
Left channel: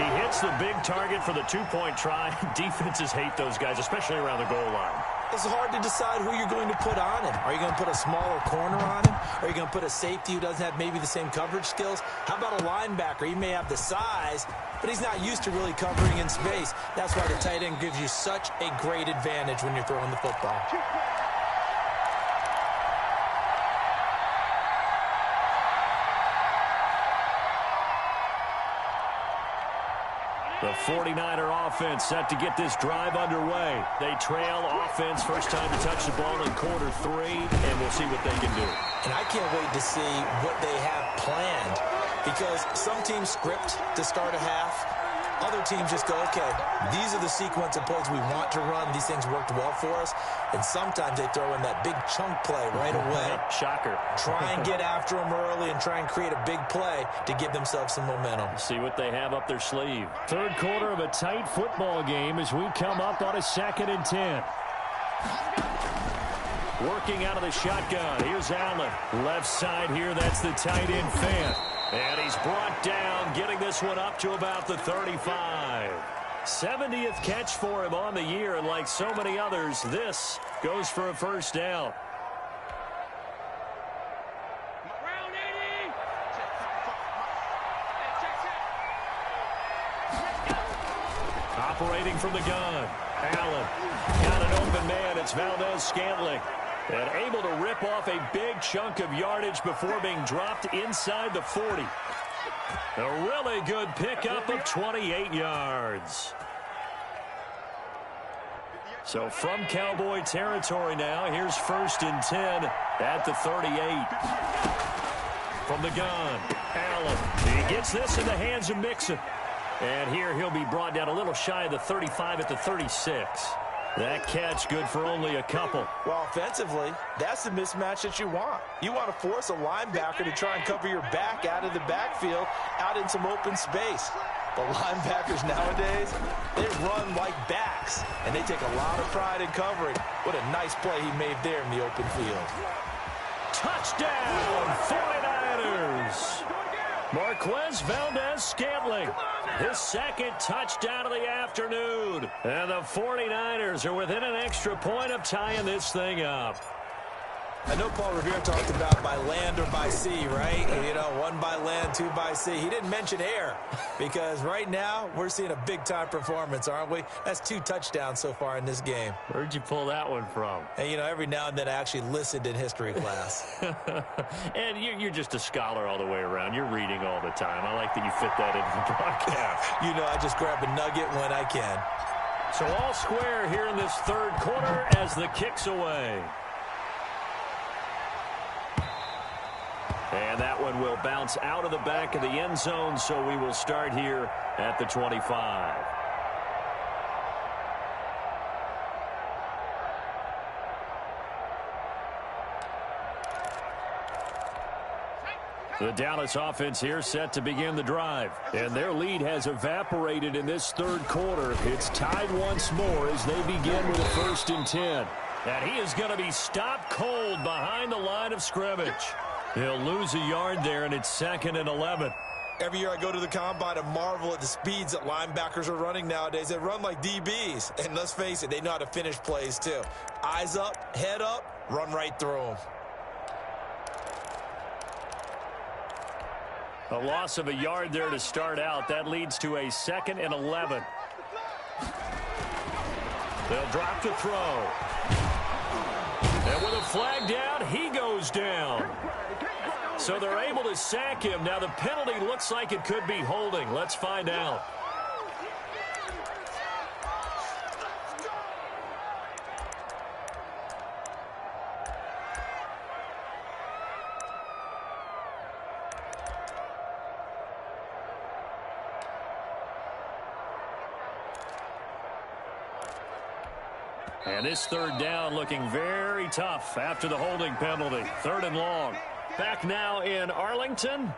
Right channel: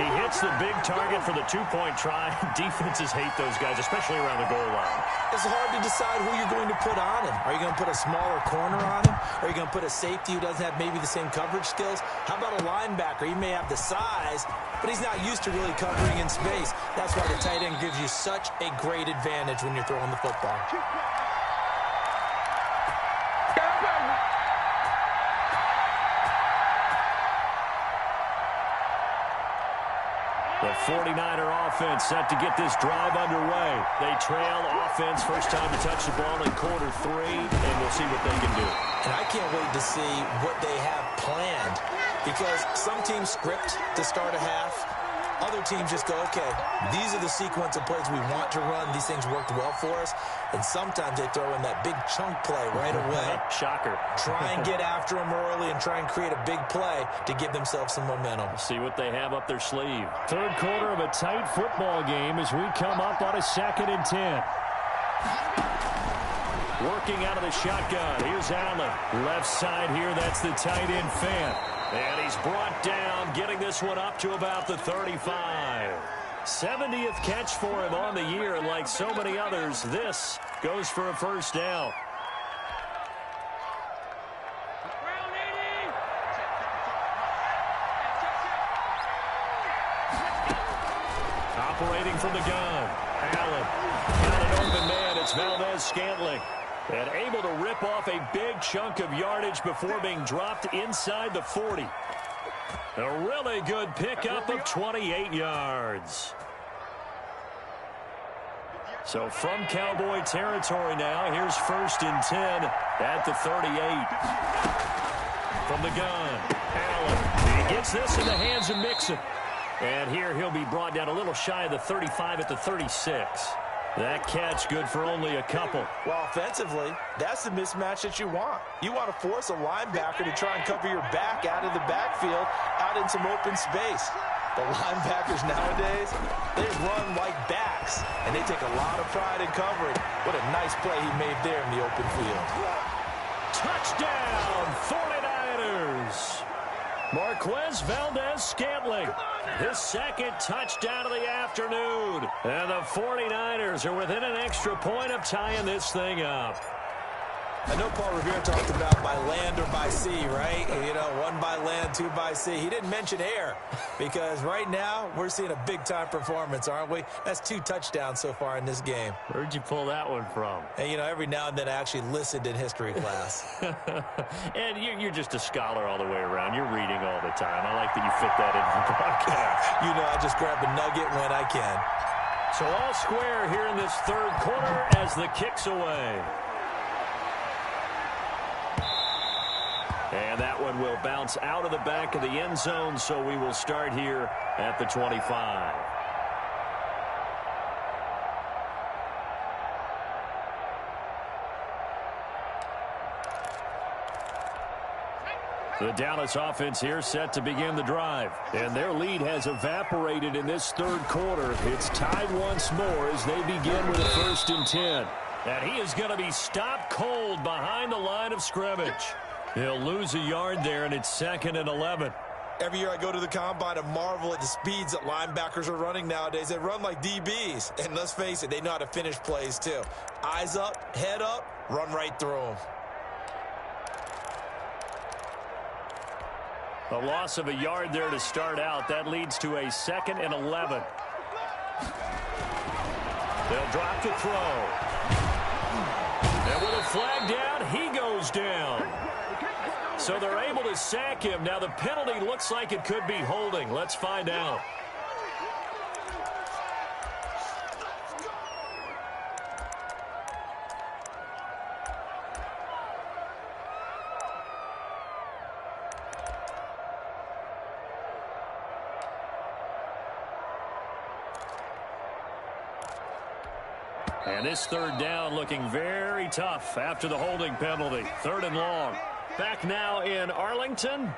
He hits the big target for the 2-point try. Defenses hate those guys, especially around the goal line. It's hard to decide who you're going to put on him. Are you going to put a smaller corner on him? Are you going to put a safety who doesn't have maybe the same coverage skills? How about a linebacker? He may have the size, but he's not used to really covering in space. That's why the tight end gives you such a great advantage when you're throwing the football. The 49er offense set to get this drive underway. They trail offense, first time to touch the ball in quarter 3, and we'll see what they can do. And I can't wait to see what they have planned, because some teams script to start a half. Other teams just go, okay, these are the sequence of plays we want to run. These things worked well for us. And sometimes they throw in that big chunk play right away. Shocker. Try and get after them early and try and create a big play to give themselves some momentum. See what they have up their sleeve. Third quarter of a tight football game as we come up on a 2nd and 10. Working out of the shotgun. Here's Allen. Left side here, that's the tight end Fant. And he's brought down, getting this one up to about the 35. 70th catch for him on the year, and like so many others, this goes for a first down. Round 80. Check 55. Operating from the gun. Allen. Got an open man. It's Valdez-Scantling. And able to rip off a big chunk of yardage before being dropped inside the 40. A really good pickup of 28 yards. So from Cowboy territory now, here's 1st and 10 at the 38. From the gun, Allen. He gets this in the hands of Mixon. And here he'll be brought down a little shy of the 35 at the 36. That catch good for only a couple. Well, offensively, that's the mismatch that you want. You want to force a linebacker to try and cover your back out of the backfield, out in some open space. The linebackers nowadays, they run like backs, and they take a lot of pride in covering. What a nice play he made there in the open field. Touchdown, 49ers. Marquez Valdez-Scantling, his 2nd touchdown of the afternoon. And the 49ers are within an extra point of tying this thing up. I know Paul Revere talked about by land or by sea, right? You know, 1 by land, 2 by sea. He didn't mention air, because right now we're seeing a big-time performance, aren't we? That's 2 touchdowns so far in this game. Where'd you pull that one from? And, you know, every now and then I actually listened in history class. And you're just a scholar all the way around. You're reading all the time. I like that you fit that into the broadcast. You know, I just grab a nugget when I can. So all square here in this 3rd quarter as the kick's away. And that one will bounce out of the back of the end zone, so we will start here at the 25. The Dallas offense here set to begin the drive. And their lead has evaporated in this 3rd quarter. It's tied once more as they begin with a 1st and 10. And he is going to be stopped cold behind the line of scrimmage. He'll lose a yard there, and it's 2nd and 11. Every year I go to the combine and marvel at the speeds that linebackers are running nowadays. They run like DBs. And let's face it, they know how to finish plays too. Eyes up, head up, run right through them. A loss of a yard there to start out. That leads to a 2nd and 11. They'll drop to throw. And with a flag down, he goes down. So they're able to sack him. Now the penalty looks like it could be holding. Let's find out. And this third down looking very tough after the holding penalty. 3rd and long. Back now in Arlington.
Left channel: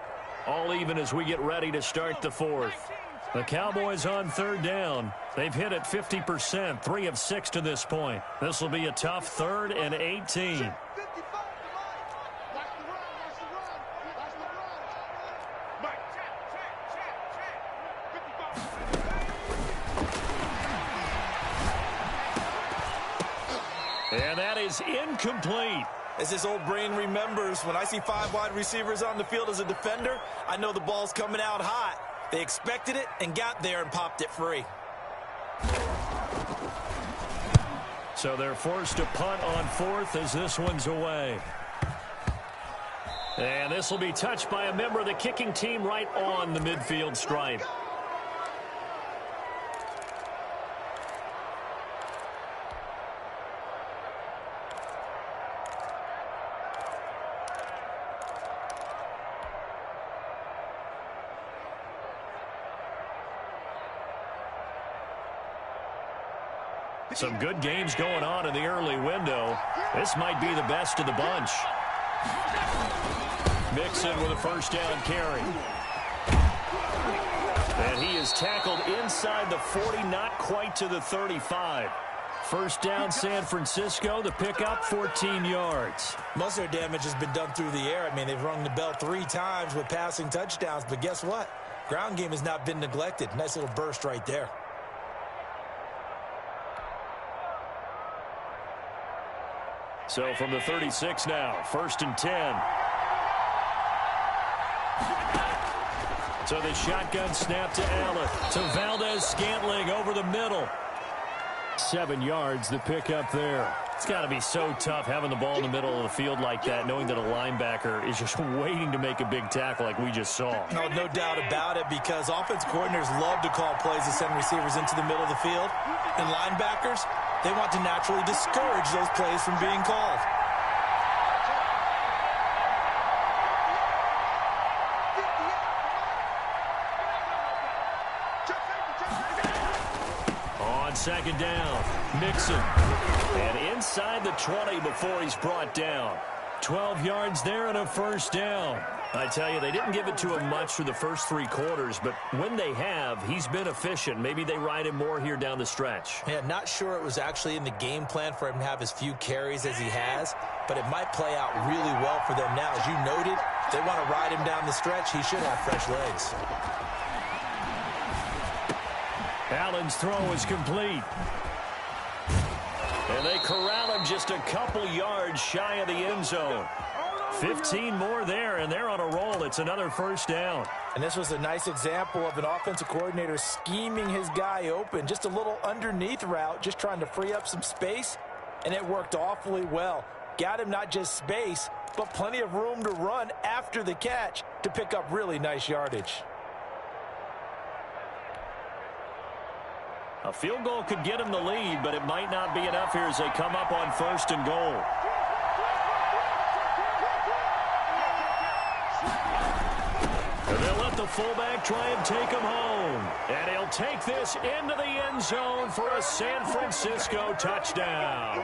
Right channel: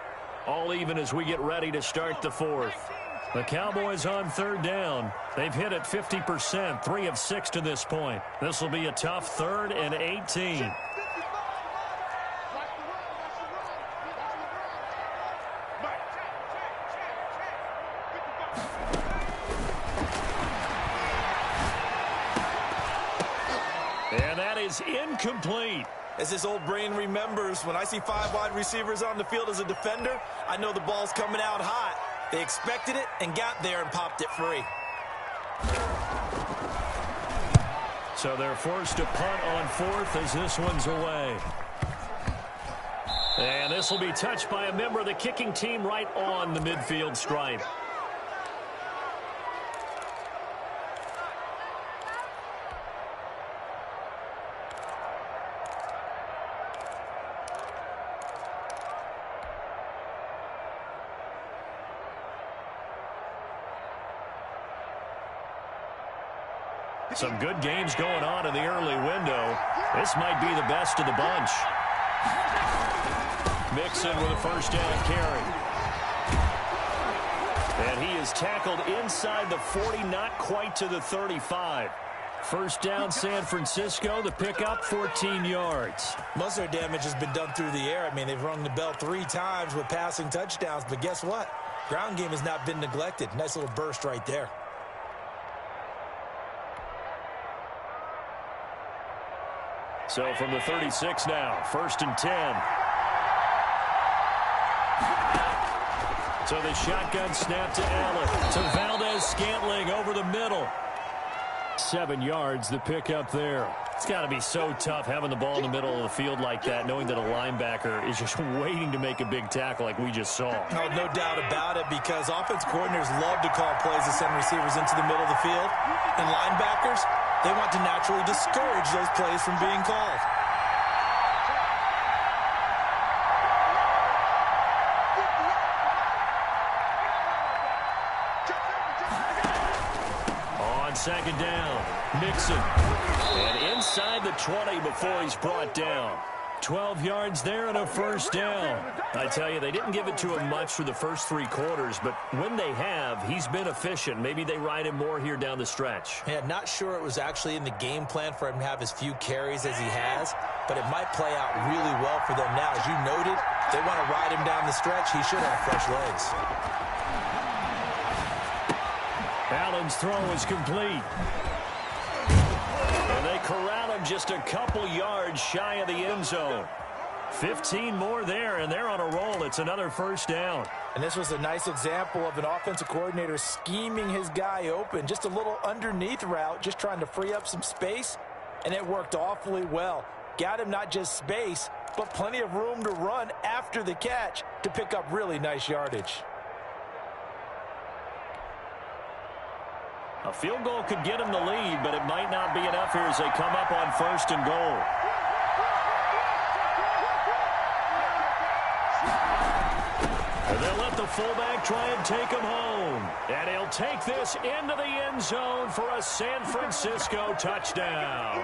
All even as we get ready to start the 4th. The Cowboys on 3rd down. They've hit it 50%, 3 of 6 to this point. This will be a tough 3rd and 18. And that is incomplete. As this old brain remembers, when I see 5 wide receivers on the field as a defender, I know the ball's coming out hot. They expected it and got there and popped it free. So they're forced to punt on 4th as this one's away. And this will be touched by a member of the kicking team right on the midfield stripe. Some good games going on in the early window. This might be the best of the bunch. Mixon with a first down carry. And he is tackled inside the 40, not quite to the 35. First down, San Francisco. The pickup, 14 yards. Most of their damage has been done through the air. I mean, they've rung the bell 3 times with passing touchdowns. But guess what? Ground game has not been neglected. Nice little burst right there. So from the 36 now, 1st and 10. So the shotgun snap to Allen. To Valdez-Scantling over the middle. 7 yards, the pickup there. It's got to be so tough having the ball in the middle of the field like that, knowing that a linebacker is just waiting to make a big tackle like we just saw. No doubt about it, because offense coordinators love to call plays to send receivers into the middle of the field. And linebackers, they want to naturally discourage those plays from being called. On 2nd down, Mixon. And inside the 20 before he's brought down. 12 yards there and a first down. I tell you, they didn't give it to him much for the first 3 quarters, but when they have, he's been efficient. Maybe they ride him more here down the stretch. Yeah, not sure it was actually in the game plan for him to have as few carries as he has, but it might play out really well for them now. As you noted, they want to ride him down the stretch. He should have fresh legs. Allen's throw is complete. And they corral him just a couple yards shy of the end zone. 15 more there, and they're on a roll. It's another first down. And this was a nice example of an offensive coordinator scheming his guy open. Just a little underneath route, just trying to free up some space, and it worked awfully well. Got him not just space, but plenty of room to run after the catch to pick up really nice yardage. A field goal could get him the lead, but it might not be enough here as they come up on 1st and goal. And they'll let the fullback try and take him home. And he'll take this into the end zone for a San Francisco touchdown.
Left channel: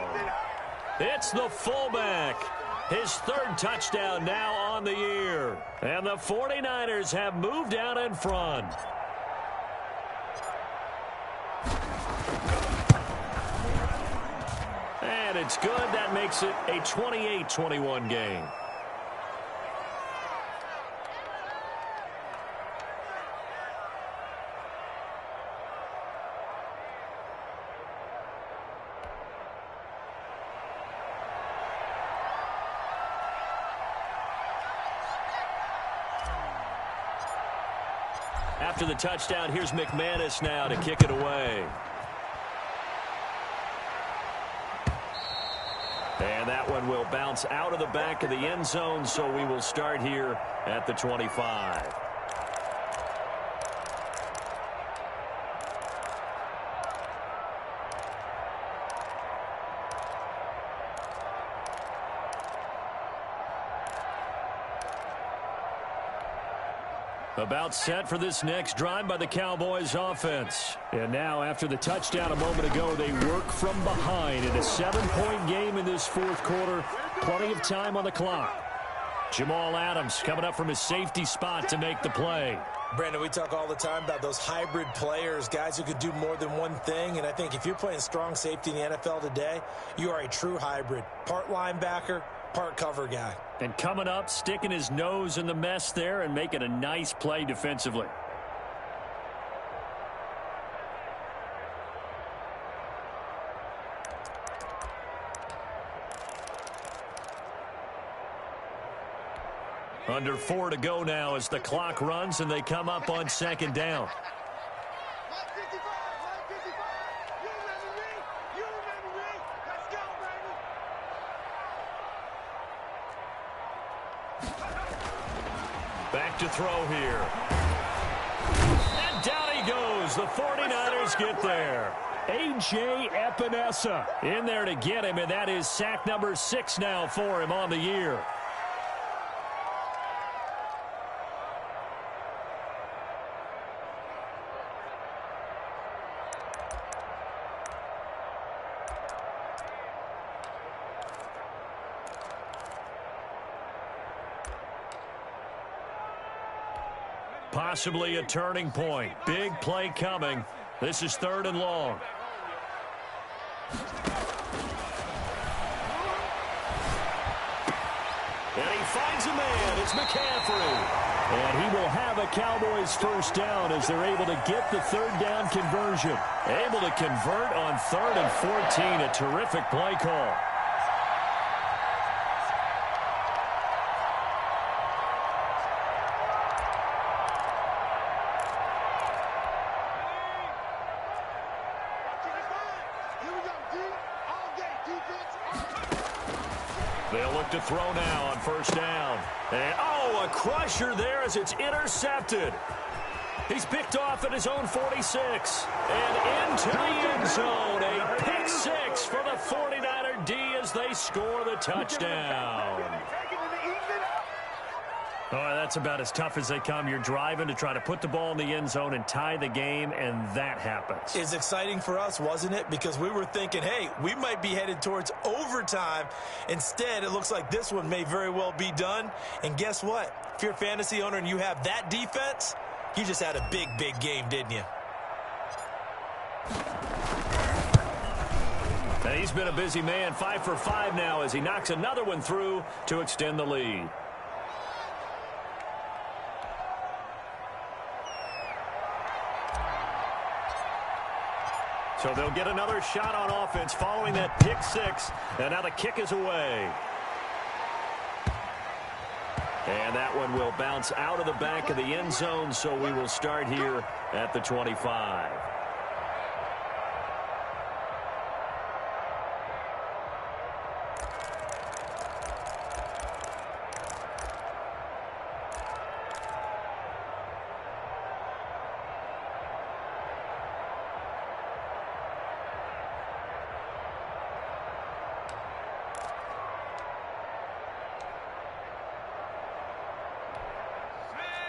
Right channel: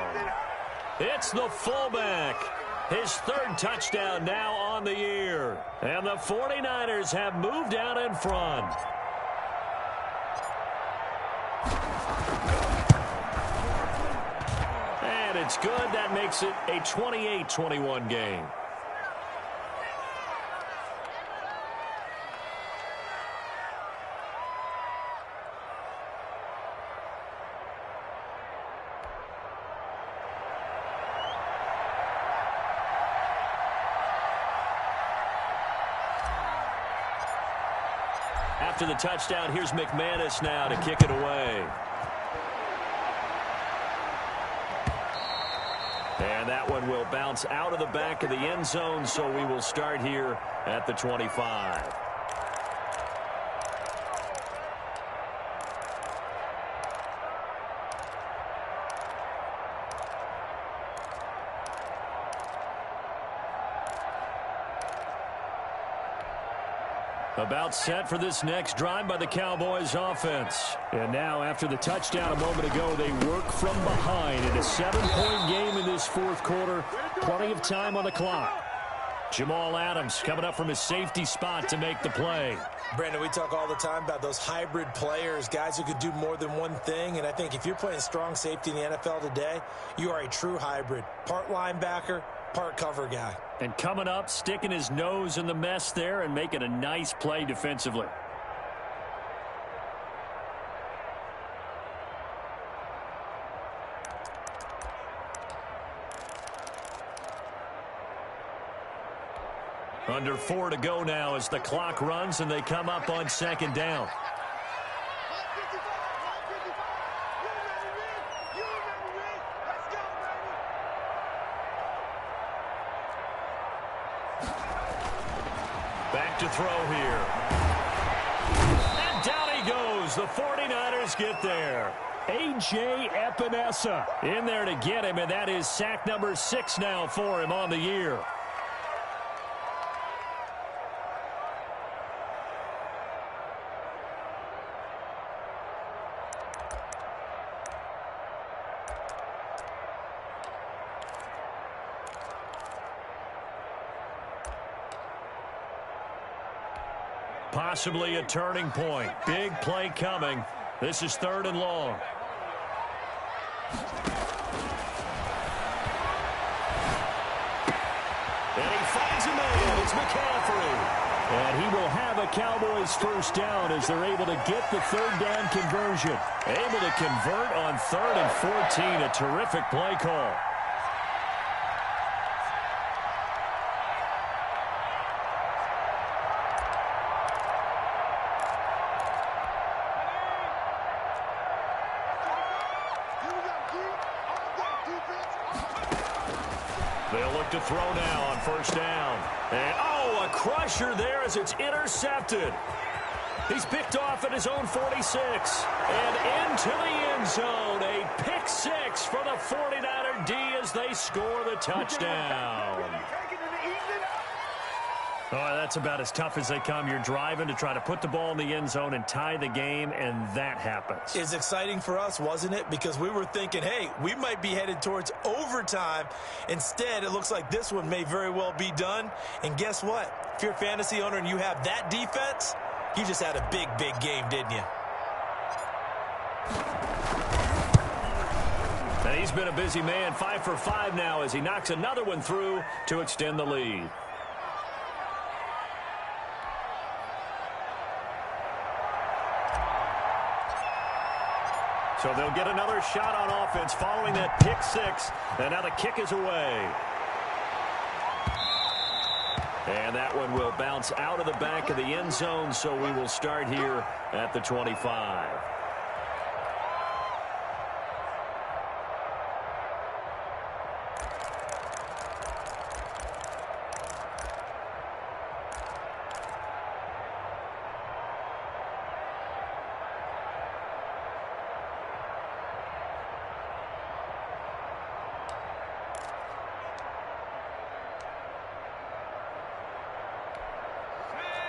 It's the fullback. His 3rd touchdown now on the year. And the 49ers have moved out in front. And it's good. That makes it a 28-21 game. After the touchdown, here's McManus now to kick it away. And that one will bounce out of the back of the end zone, so we will start here at the 25. About set for this next drive by the Cowboys offense. And now, after the touchdown a moment ago, they work from behind in a 7-point game in this fourth quarter. Plenty of time on the clock. Jamal Adams coming up from his safety spot to make the play. Brandon, we talk all the time about those hybrid players, guys who could do more than one thing. And I think if you're playing strong safety in the NFL today, you are a true hybrid. Part linebacker, part cover guy. And coming up, sticking his nose in the mess there and making a nice play defensively. Under 4 to go now as the clock runs and they come up on second down. Back to throw here. And down he goes. The 49ers get there. A.J. Epinesa in there to get him, and that is sack number 6 now for him on the year. Possibly a turning point. Big play coming. This is 3rd and long. And he finds a man. It's McCaffrey. And he will have a Cowboys first down as they're able to get the 3rd down conversion. Able to convert on 3rd and 14. A terrific play call. They'll look to throw now on first down. And, a crusher there as it's intercepted. He's picked off at his own 46. And into the end zone. A pick 6 for the 49er D as they score the touchdown. Oh, that's about as tough as they come. You're driving to try to put the ball in the end zone and tie the game, and that happens. It's exciting for us, wasn't it? Because we were thinking, hey, we might be headed towards overtime. Instead, it looks like this one may very well be done. And guess what? If you're a fantasy owner and you have that defense, you just had a big, big game, didn't you? And he's been a busy man, 5 for 5 now as he knocks another one through to extend the lead. So they'll get another shot on offense following that pick 6. And now the kick is away. And that one will bounce out of the back of the end zone, so we will start here at the 25.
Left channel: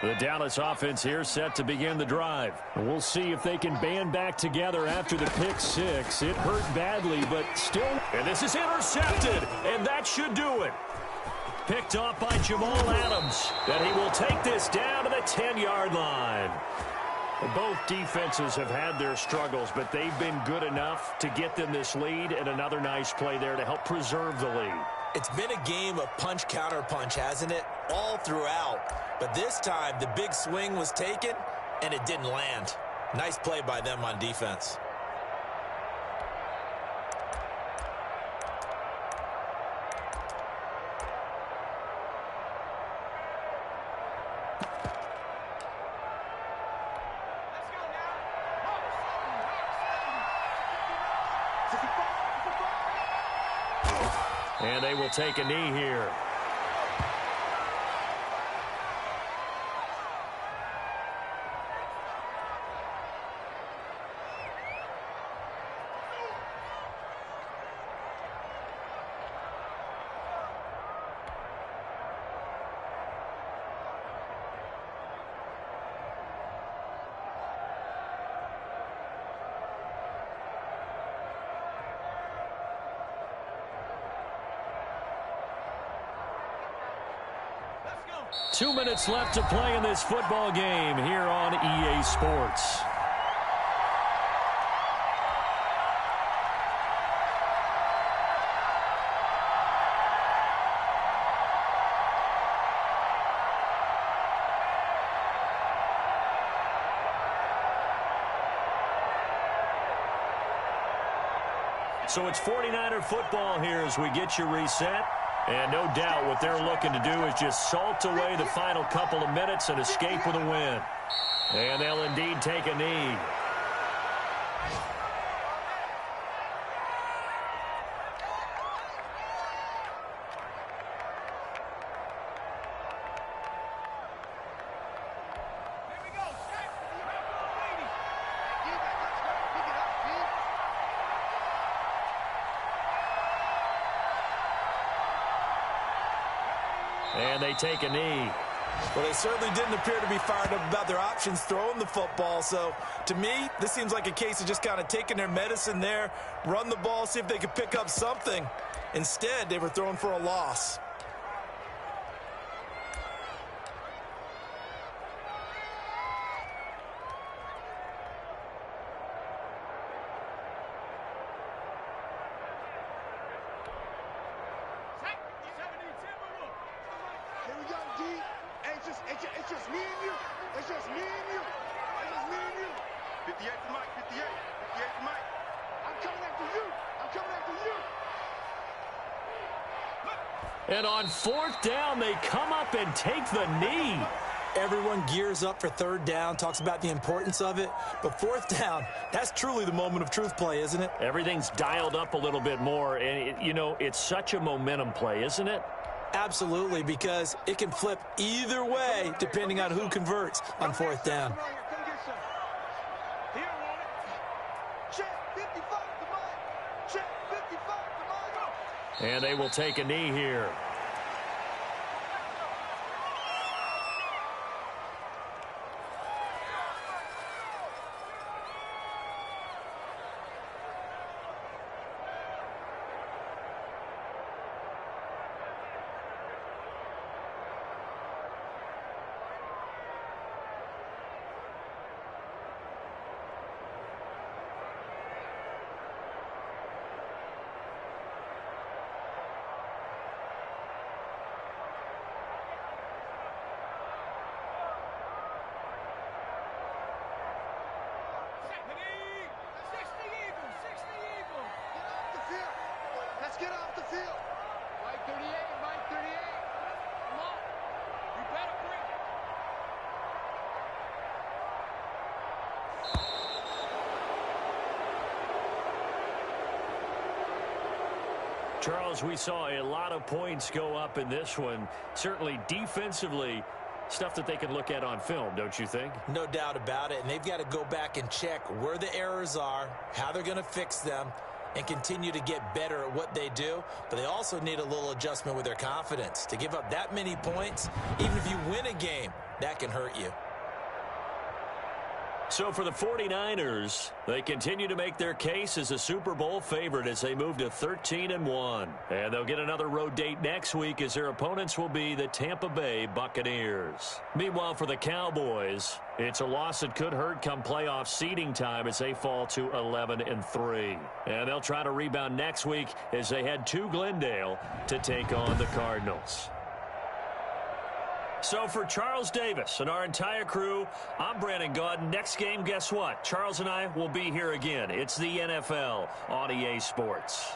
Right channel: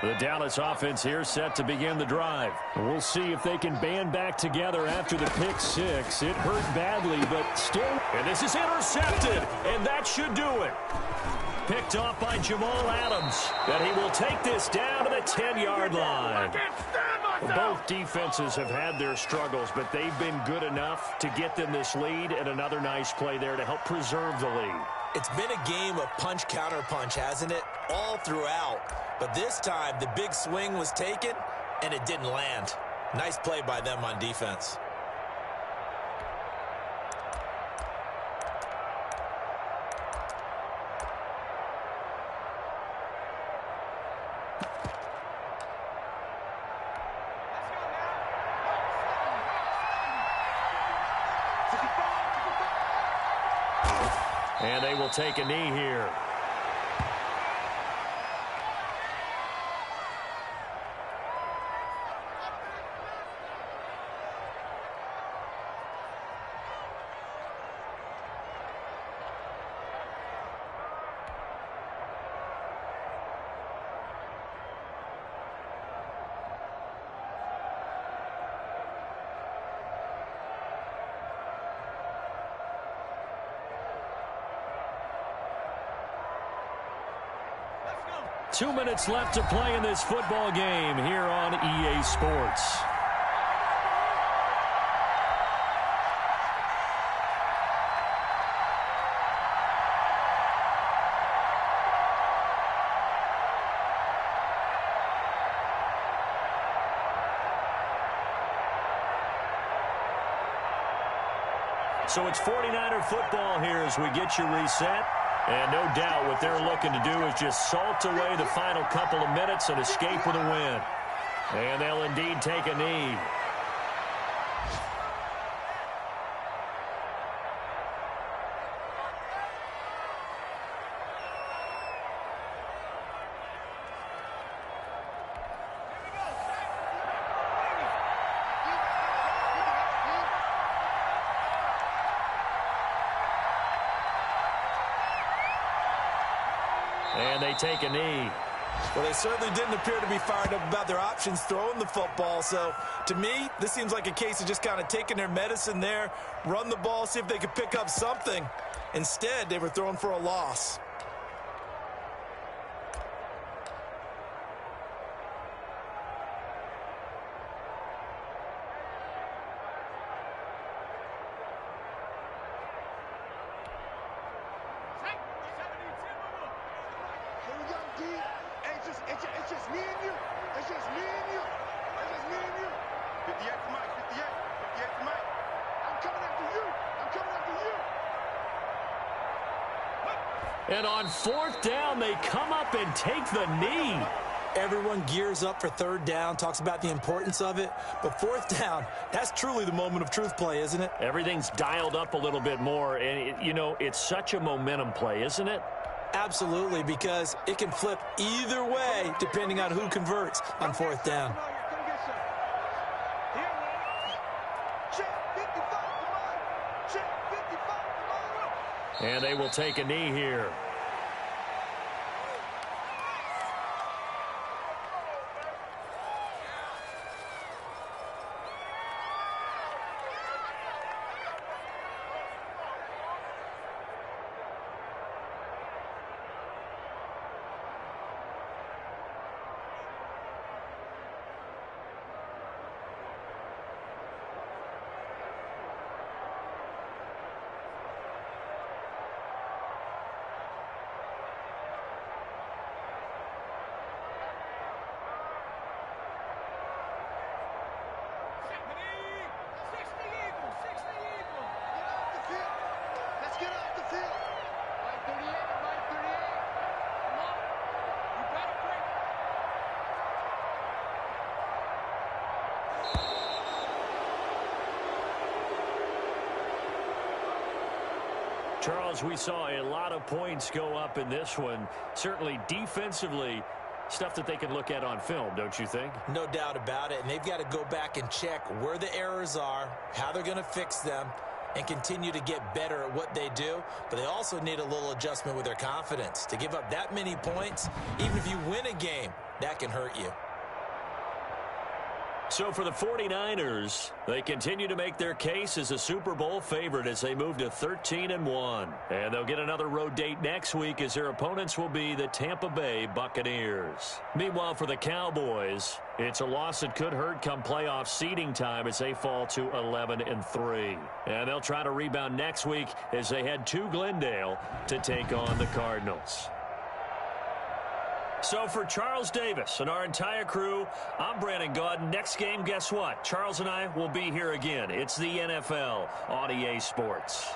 The Dallas offense here set to begin the drive. We'll see if they can band back together after the pick 6. It hurt badly, but still. And this is intercepted, and that should do it. Picked off by Jamal Adams. And he will take this down to the 10-yard line. Both defenses have had their struggles, but they've been good enough to get them this lead, and another nice play there to help preserve the lead. It's been a game of punch-counter-punch, hasn't it? All throughout. But this time, the big swing was taken, and it didn't land. Nice play by them on defense. And they will take a knee here. 2 minutes left to play in this football game here on EA Sports. So it's 49er football here as we get you reset. And no doubt what they're looking to do is just salt away the final couple of minutes and escape with a win. And they'll indeed take a knee. And they take a knee. Well, they certainly didn't appear to be fired up about their options throwing the football. So, to me, this seems like a case of just kind of taking their medicine there, run the ball, see if they could pick up something. Instead, they were throwing for a loss. Here we go, D. Hey, it's just me and you. It's just me and you. It's just me and you. 58 for Mike, 58. 58 for Mike. I'm coming after you. I'm coming after you. And on 4th down, they come up and take the knee. Everyone gears up for 3rd down, talks about the importance of it. But 4th down, that's truly the moment of truth play, isn't it? Everything's dialed up a little bit more. And, it's such a momentum play, isn't it? Absolutely, because it can flip either way depending on who converts on 4th down. Come on here. Come get some. Here, woman. Check 55 to Mike. Check 55 to Mike. And they will take a knee here. Let's get off the field. Mike 38, Mike 38. Come on. You better bring it. Charles, we saw a lot of points go up in this one. Certainly defensively, stuff that they can look at on film, don't you think? No doubt about it. And they've got to go back and check where the errors are, how they're going to fix them, and continue to get better at what they do. But they also need a little adjustment with their confidence. To give up that many points, even if you win a game, that can hurt you. So for the 49ers, they continue to make their case as a Super Bowl favorite as they move to 13-1. And they'll get another road date next week as their opponents will be the Tampa Bay Buccaneers. Meanwhile, for the Cowboys, it's a loss that could hurt come playoff seeding time as they fall to 11-3. And they'll try to rebound next week as they head to Glendale to take on the Cardinals. So for Charles Davis and our entire crew, I'm Brandon Gaudin. Next game, guess what? Charles and I will be here again. It's the NFL on EA Sports.